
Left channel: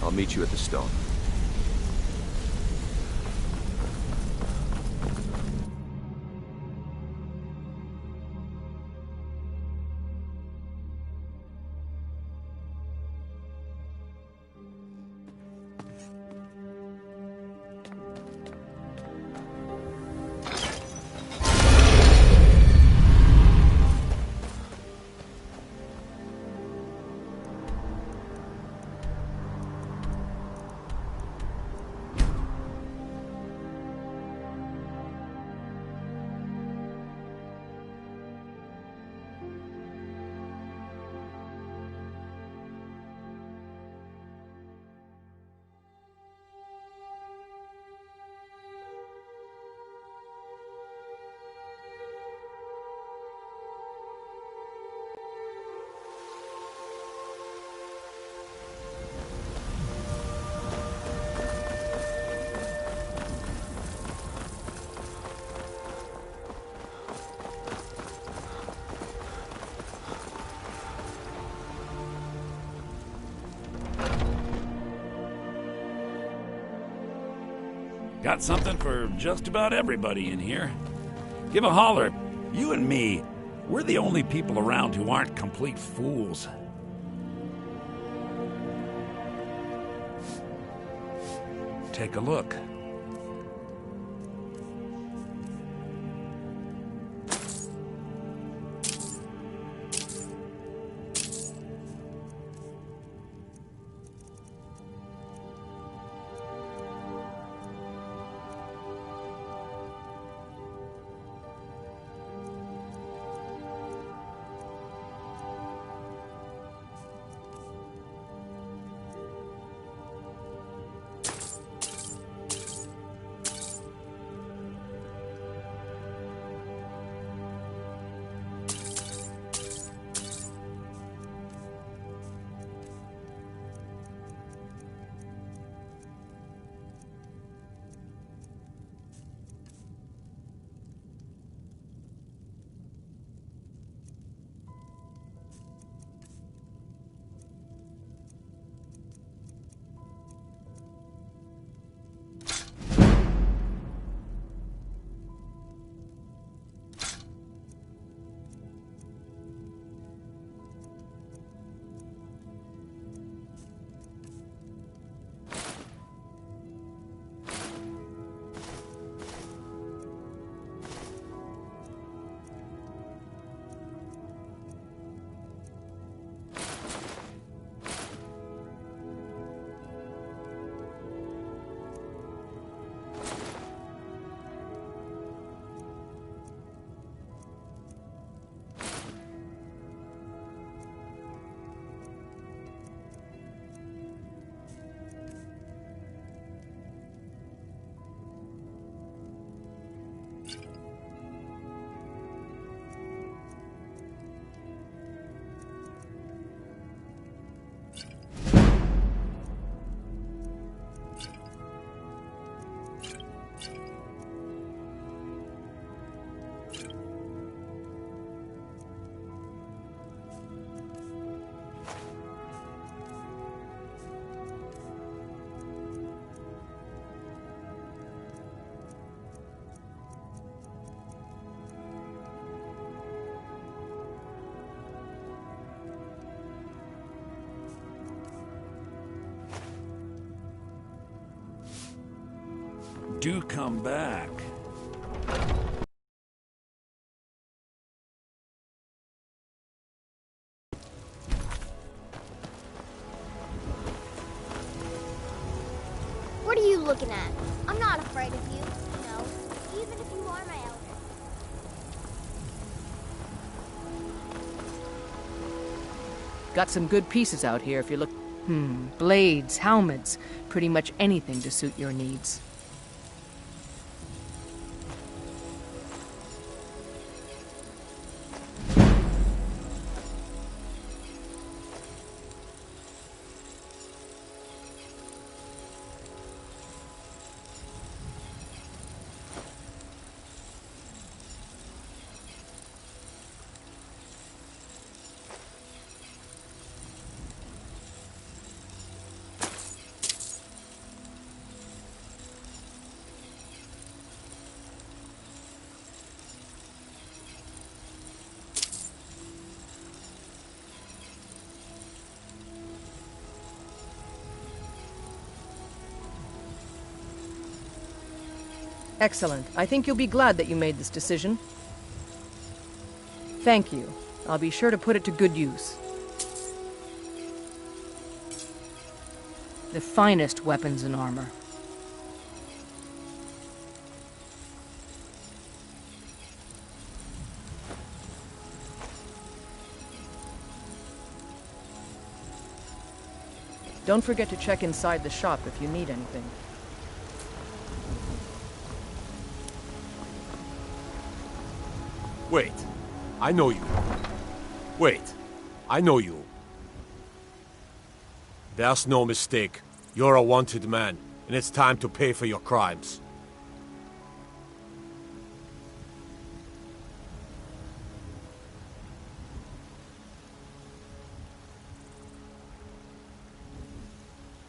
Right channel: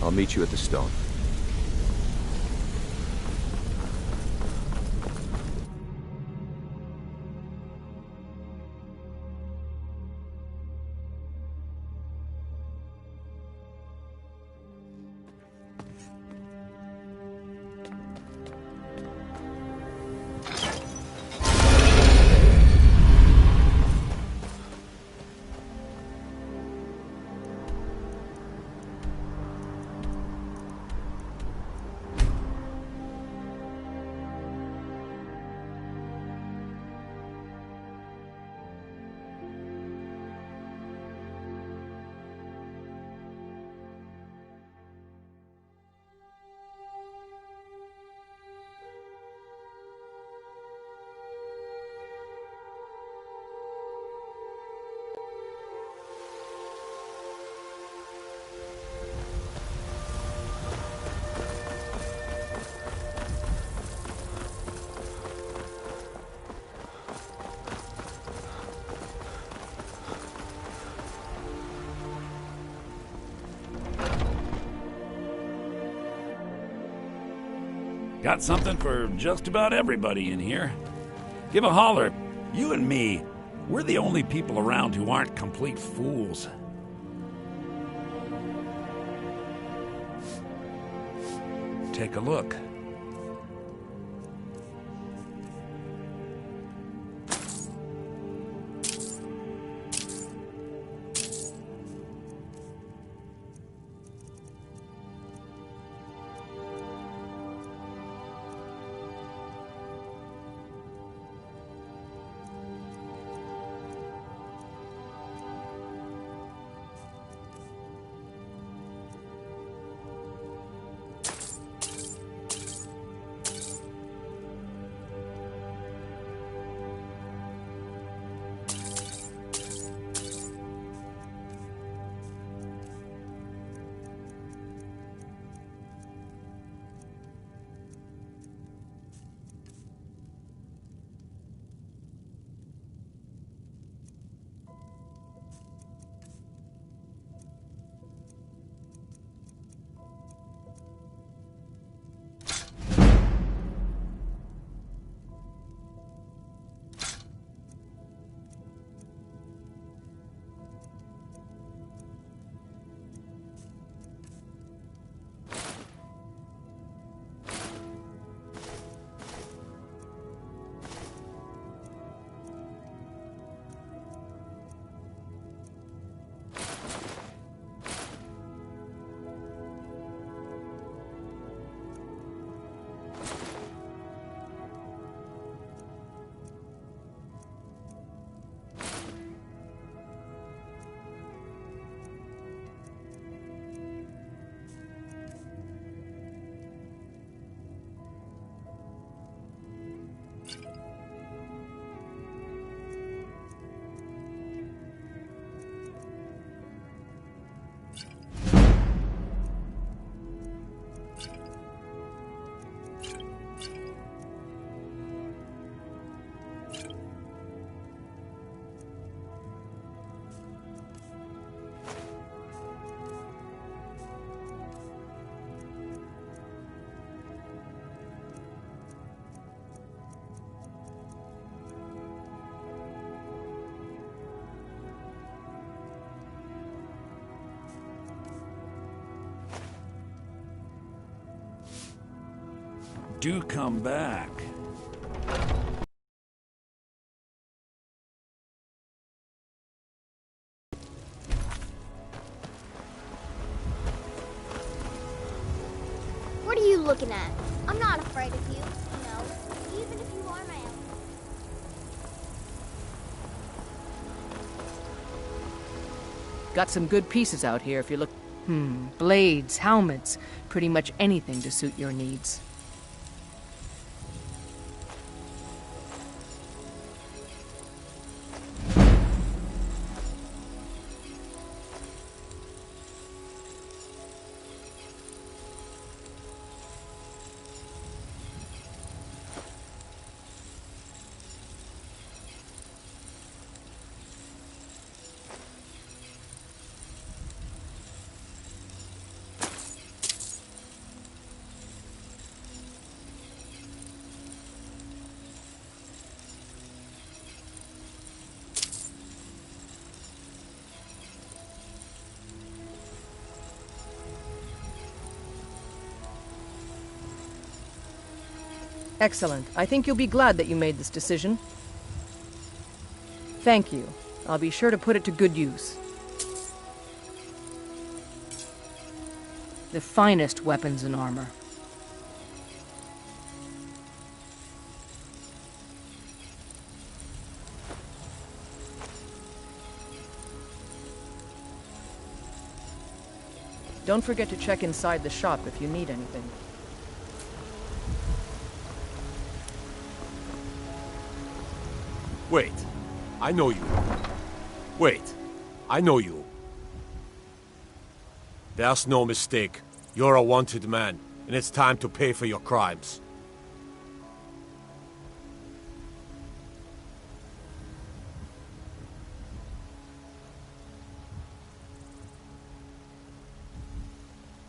I'll meet you at the stone. Got something for just about everybody in here. Give a holler. You and me, we're the only people around who aren't complete fools. Take a look. do come back. What are you looking at? I'm not afraid of you, even if you are my elder. Got some good pieces out here if you look. Blades, helmets, pretty much anything to suit your needs. Excellent. I think you'll be glad that you made this decision. Thank you. I'll be sure to put it to good use. The finest weapons and armor. Don't forget to check inside the shop if you need anything. Wait. I know you. Wait. I know you. There's no mistake. You're a wanted man, and it's time to pay for your crimes.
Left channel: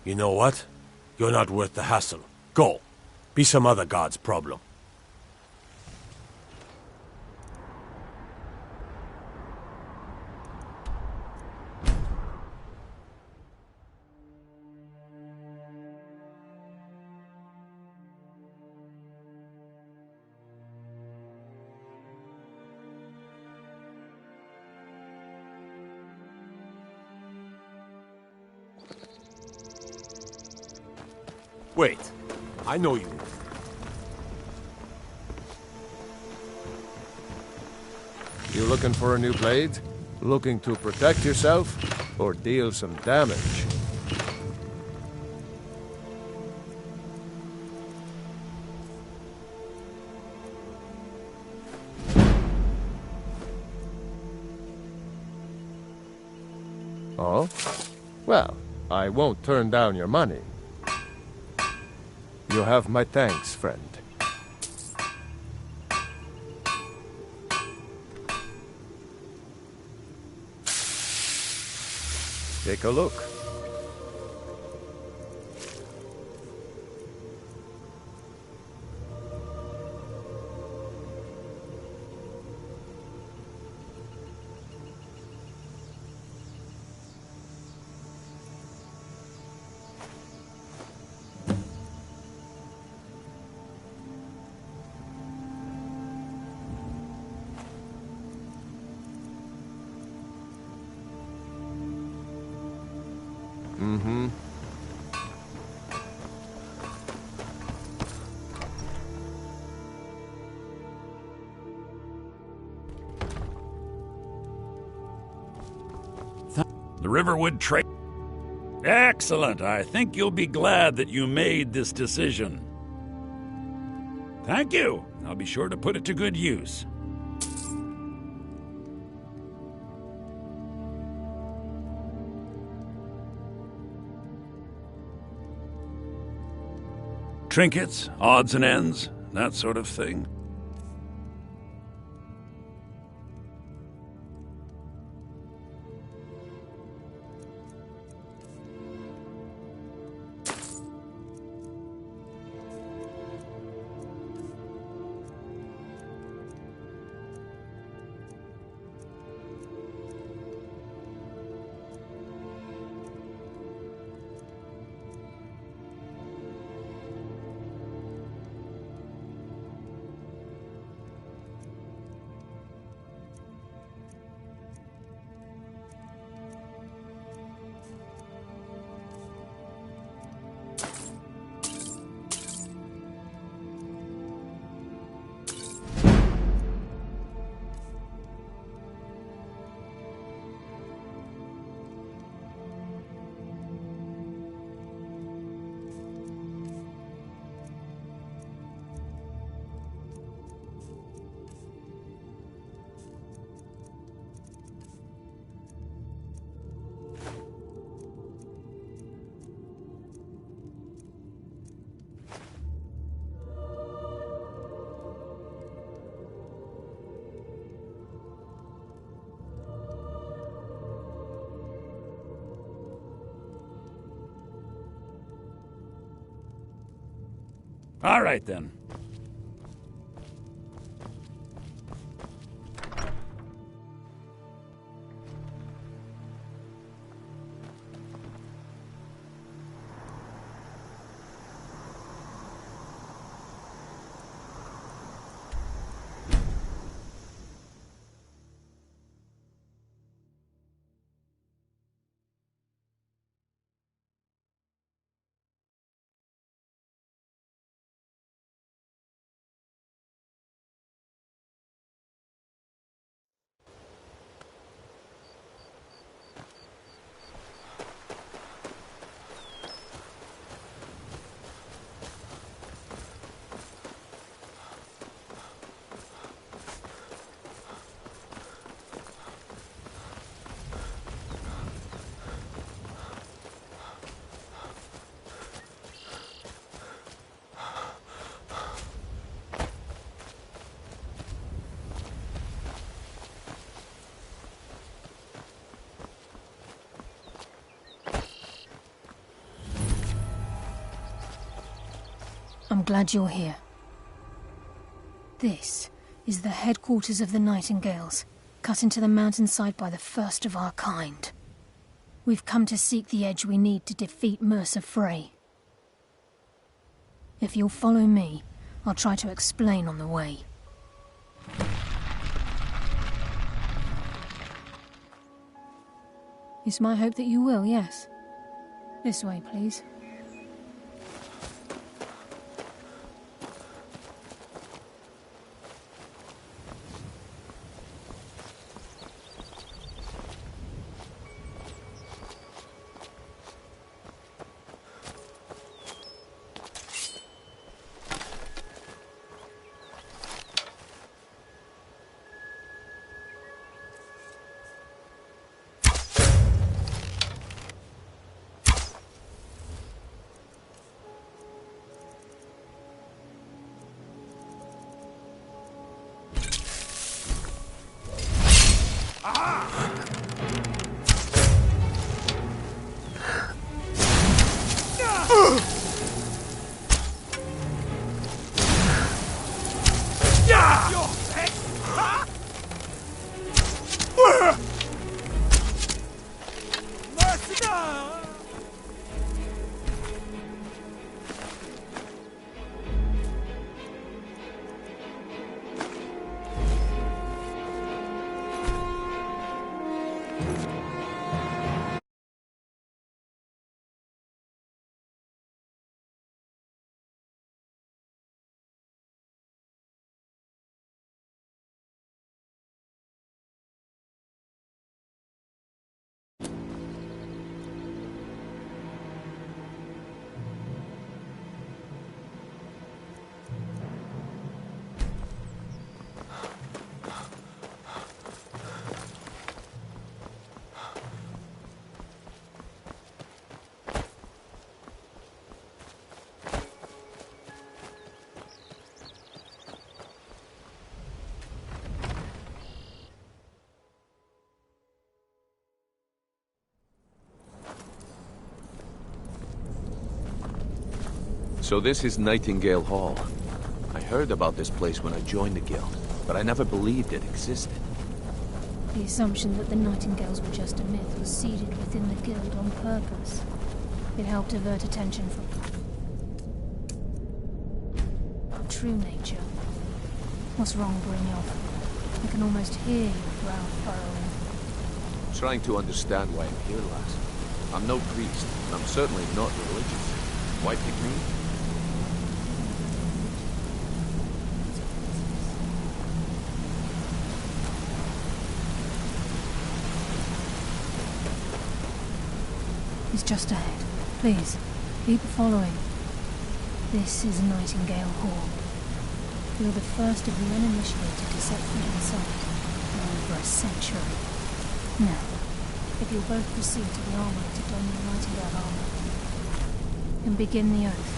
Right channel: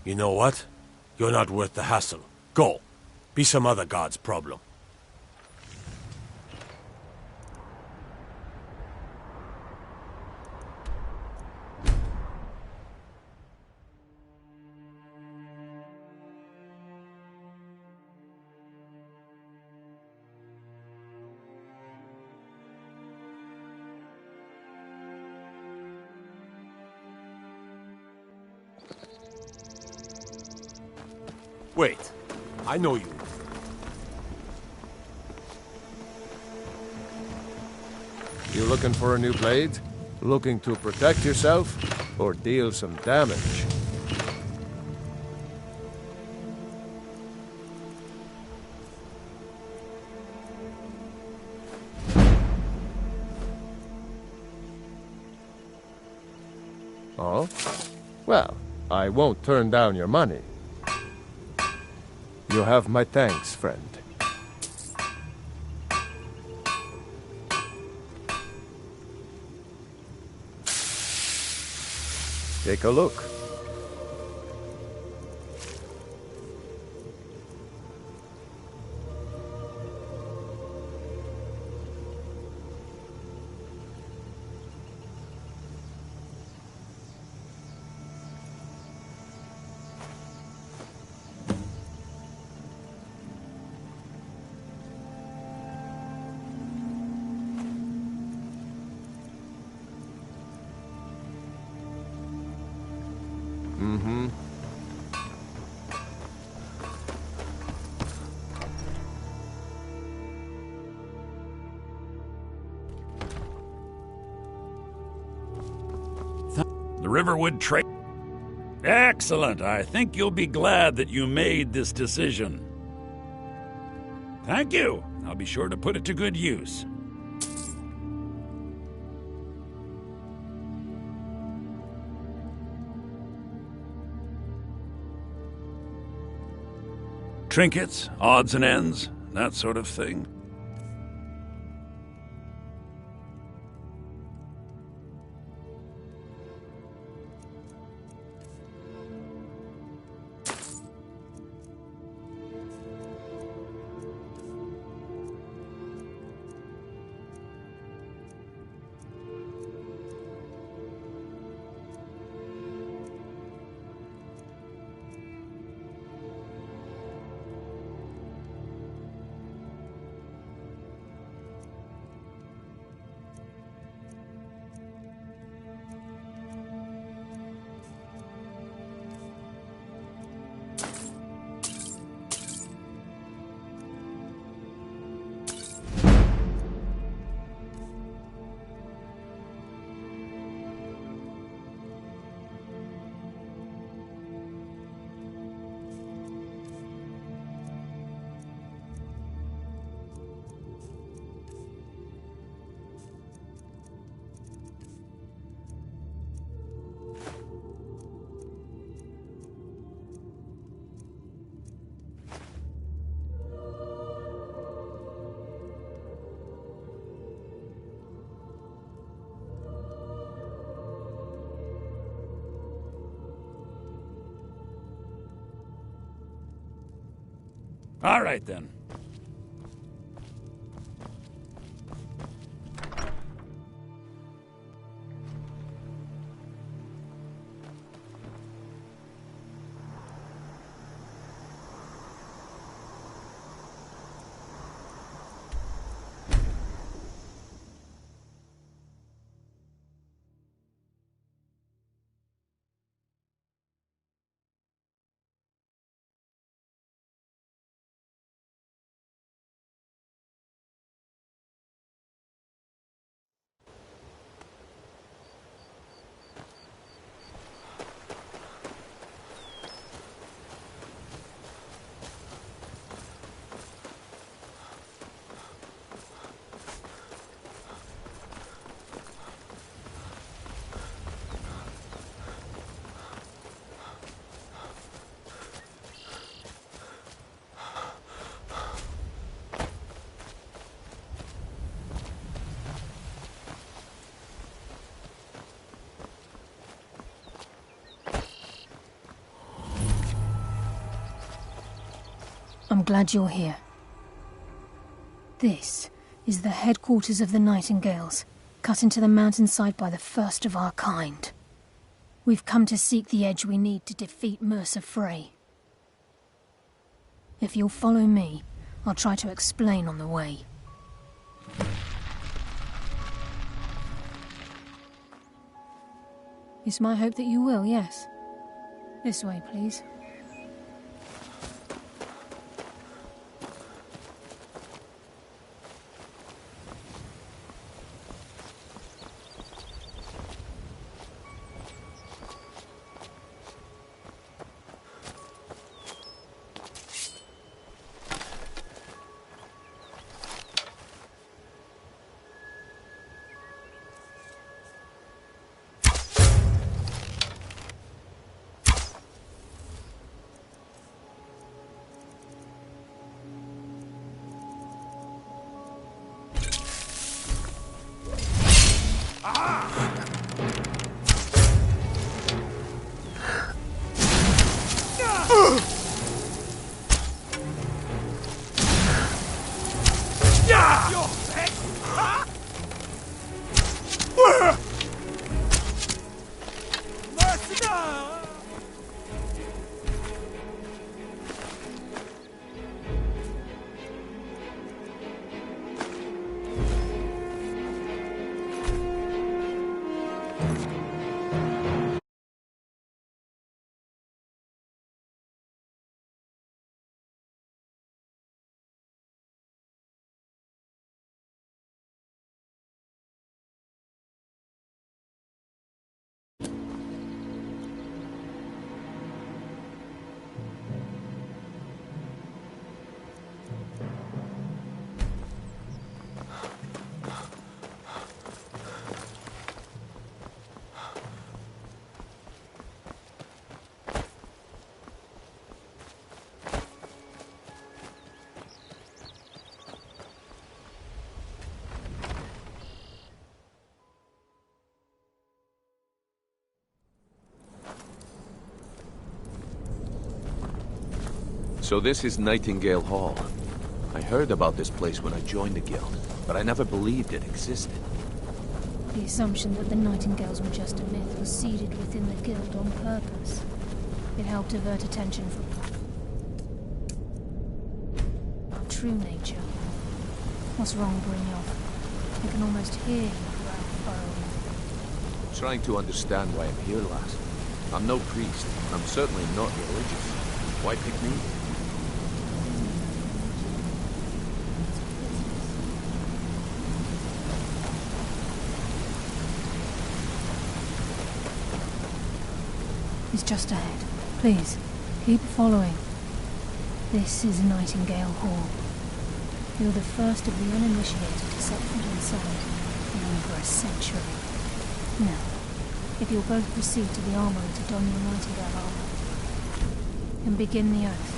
You know what? You're not worth the hassle. Go. Be some other god's problem. Wait. I know you. You looking for a new blade? Looking to protect yourself? Or deal some damage? Oh? Well, I won't turn down your money. You have my thanks, friend. Take a look. Mm-hmm. The Riverwood Trade. Excellent. I think you'll be glad that you made this decision. Thank you. I'll be sure to put it to good use. Trinkets, odds and ends, that sort of thing. All right, then. I'm glad you're here. This is the headquarters of the Nightingales, cut into the mountainside by the first of our kind. We've come to seek the edge we need to defeat Mercer Frey. If you'll follow me, I'll try to explain on the way. It's my hope that you will, yes. This way, please. So this is Nightingale Hall. I heard about this place when I joined the guild, but I never believed it existed. The assumption that the Nightingales were just a myth was seeded within the guild on purpose. It helped divert attention from our true nature. What's wrong, Brynjolf? I can almost hear your brow furrowing. I'm trying to understand why I'm here, lass. I'm no priest, and I'm certainly not religious. Why pick me? He's just ahead. Please, keep following. This is Nightingale Hall. You're the first of the uninitiated to set foot inside in over a century. Now, if you'll both proceed to the armory to don your Nightingale armor, and begin the oath.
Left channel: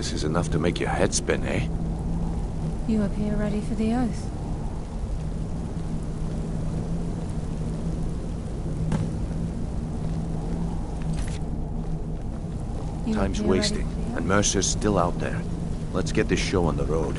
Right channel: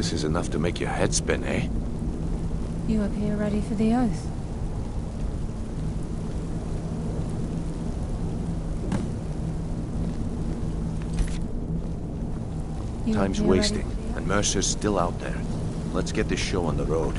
This is enough to make your head spin, eh? You appear ready for the oath. Time's wasting, and Mercer's still out there. Let's get this show on the road.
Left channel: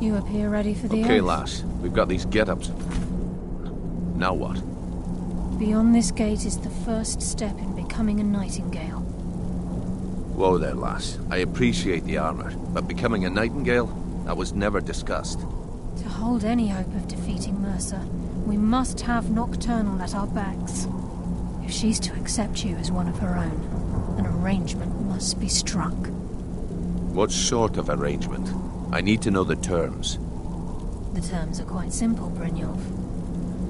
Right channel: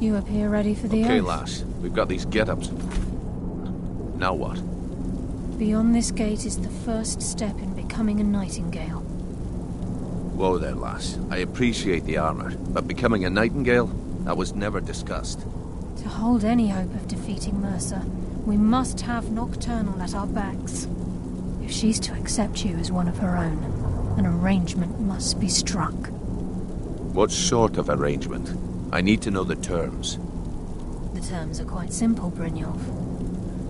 You appear ready for the Okay, oath. lass. We've got these get-ups. Now what? Beyond this gate is the first step in becoming a Nightingale. Whoa there, lass. I appreciate the armor, but becoming a Nightingale? That was never discussed. To hold any hope of defeating Mercer, we must have Nocturnal at our backs. If she's to accept you as one of her own, an arrangement must be struck. What sort of arrangement? I need to know the terms. The terms are quite simple, Brynjolf.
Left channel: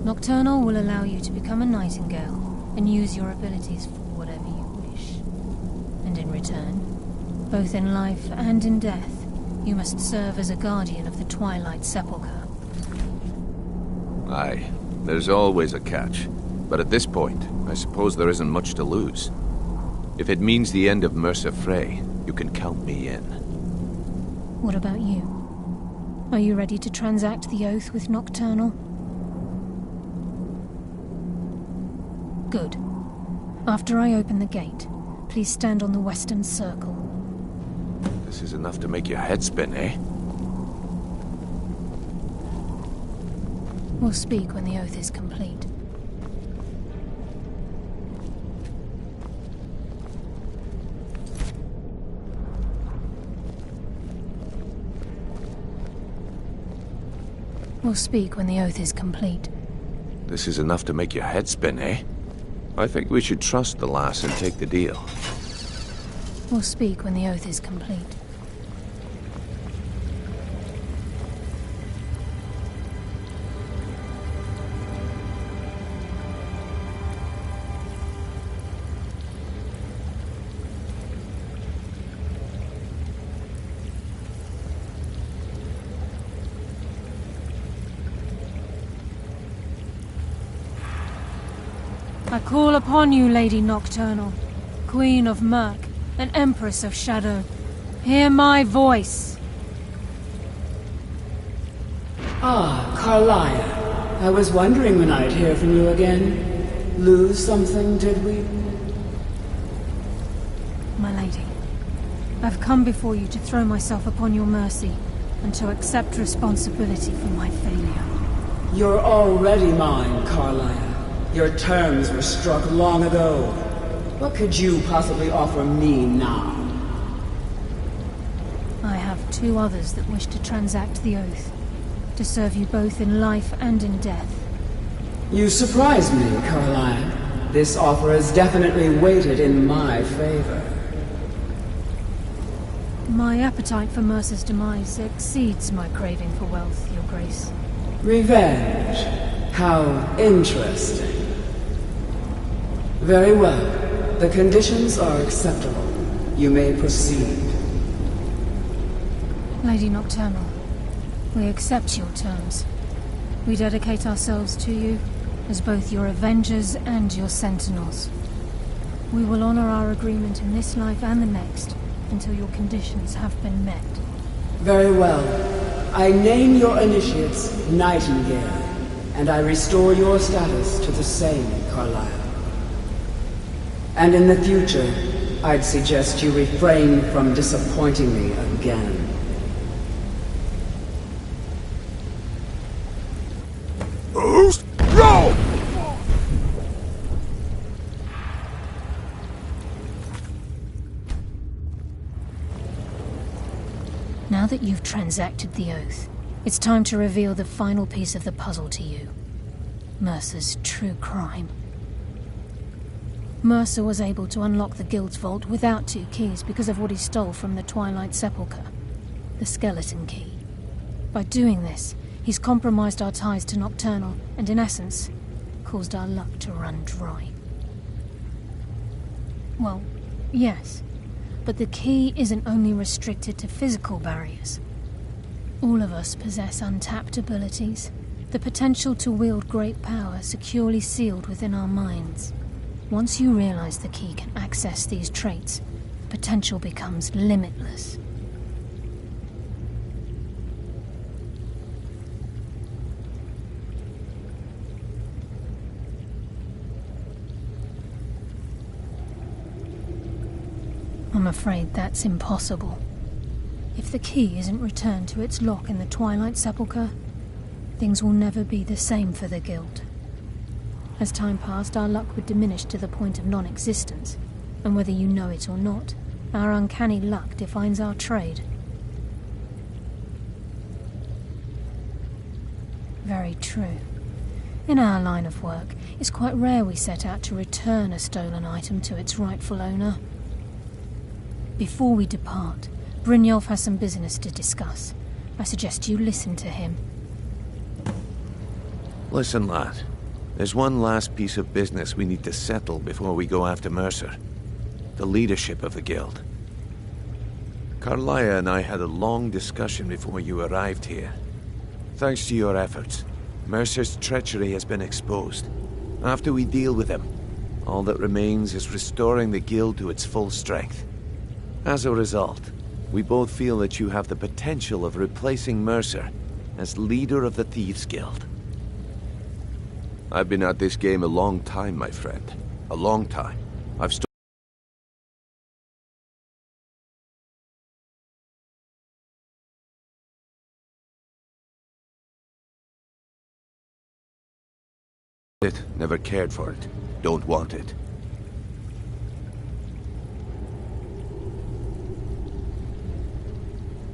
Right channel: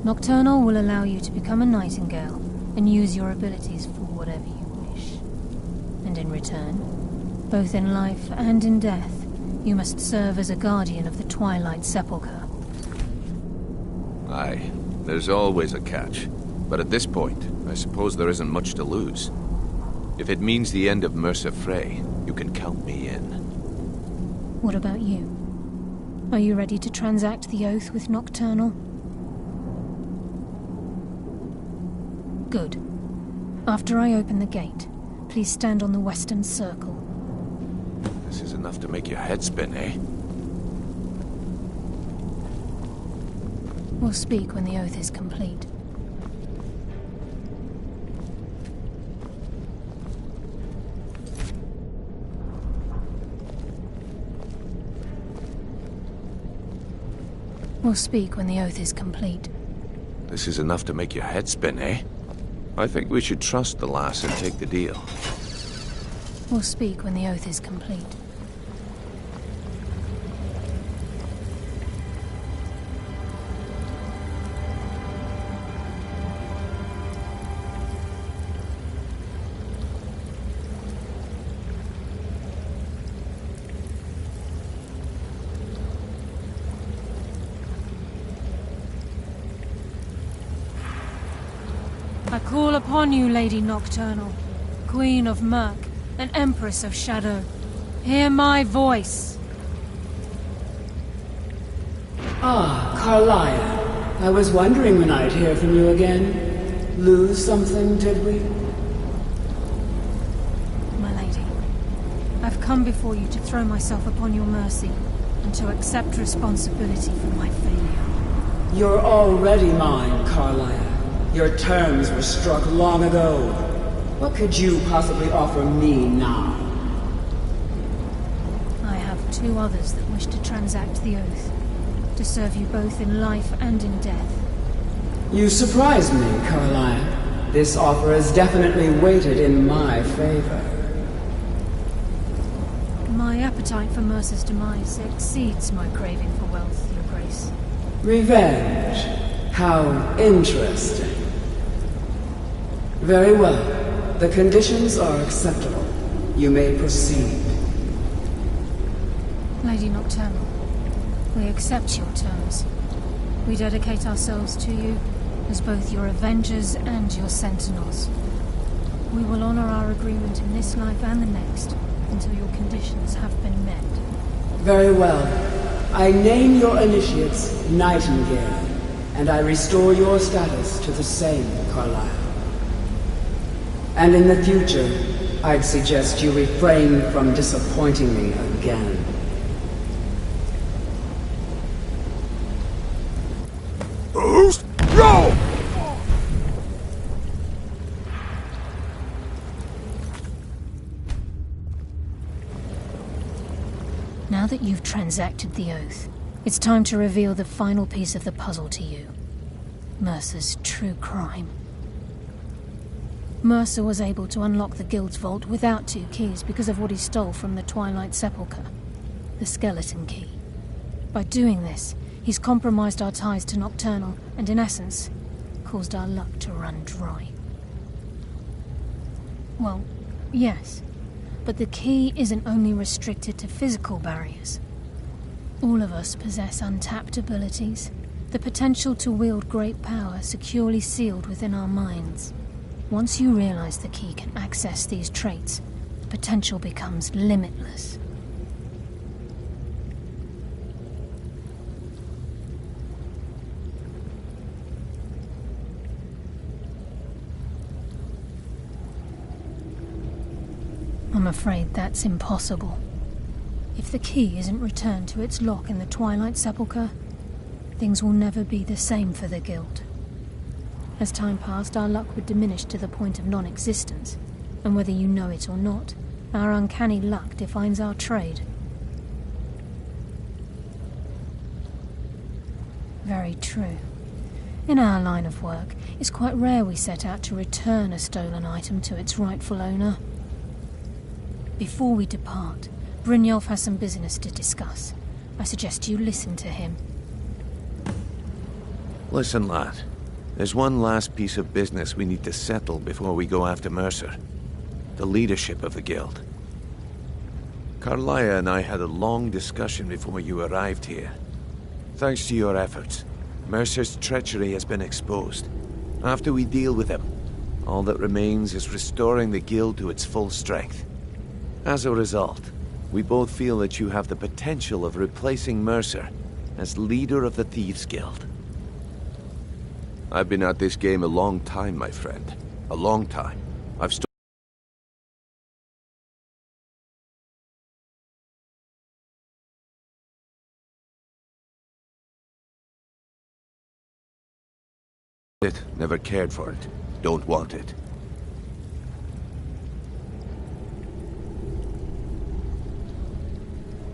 Nocturnal will allow you to become a Nightingale and use your abilities for whatever you wish. And in return, both in life and in death, you must serve as a guardian of the Twilight Sepulchre. Aye, there's always a catch. But at this point, I suppose there isn't much to lose. If it means the end of Mercer Frey, you can count me in. What about you? Are you ready to transact the oath with Nocturnal? Good. After I open the gate, please stand on the western circle. This is enough to make your head spin, eh? We'll speak when the oath is complete. We'll speak when the oath is complete. This is enough to make your head spin, eh? I think we should trust the lass and take the deal. We'll speak when the oath is complete. I call upon you, Lady Nocturnal, Queen of Murk, and Empress of Shadow. Hear my voice. Ah, Carlia. I was wondering when I'd hear from you again. Lose something, did we? My lady, I've come before you to throw myself upon your mercy, and to accept responsibility for my failure. You're already mine, Carlia. Your terms were struck long ago. What could you possibly offer me now? I have two others that wish to transact the oath, to serve you both in life and in death. You surprise me, Carlia. This offer is definitely weighted in my favor. My appetite for Mercer's demise exceeds my craving for wealth, Your Grace. Revenge. How interesting. Very well. The conditions are acceptable. You may proceed. Lady Nocturnal, we accept your terms. We dedicate ourselves to you as both your Avengers and your Sentinels. We will honor our agreement in this life and the next, until your conditions have been met. Very well. I name your initiates Nightingale, and I restore your status to the same, Carlyle. And in the future, I'd suggest you refrain from disappointing me again. Roll! Now that you've transacted the oath, it's time to reveal the final piece of the puzzle to you. Mercer's true crime. Mercer was able to unlock the Guild's vault without 2 keys because of what he stole from the Twilight Sepulchre, the skeleton key. By doing this, he's compromised our ties to Nocturnal and, in essence, caused our luck to run dry. Well, yes, but the key isn't only restricted to physical barriers. All of us possess untapped abilities, the potential to wield great power securely sealed within our minds. Once you realize the key can access these traits, the potential becomes limitless. I'm afraid that's impossible. If the key isn't returned to its lock in the Twilight Sepulchre, things will never be the same for the Guild. As time passed, our luck would diminish to the point of non-existence, and whether you know it or not, our uncanny luck defines our trade. Very true. In our line of work, it's quite rare we set out to return a stolen item to its rightful owner. Before we depart, Brynjolf has some business to discuss. I suggest you listen to him. Listen, lad. There's one last piece of business we need to settle before we go after Mercer. The leadership of the Guild. Carlaya and I had a long discussion before you arrived here. Thanks to your efforts, Mercer's treachery has been exposed. After we deal with him, all that remains is restoring the Guild to its full strength. As a result, we both feel that you have the potential of replacing Mercer as leader of the Thieves' Guild. I've been at this game a long time, my friend. A long time. I've never cared for it. Don't want it.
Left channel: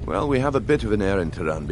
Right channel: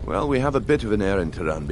Well, we have a bit of an errand to run.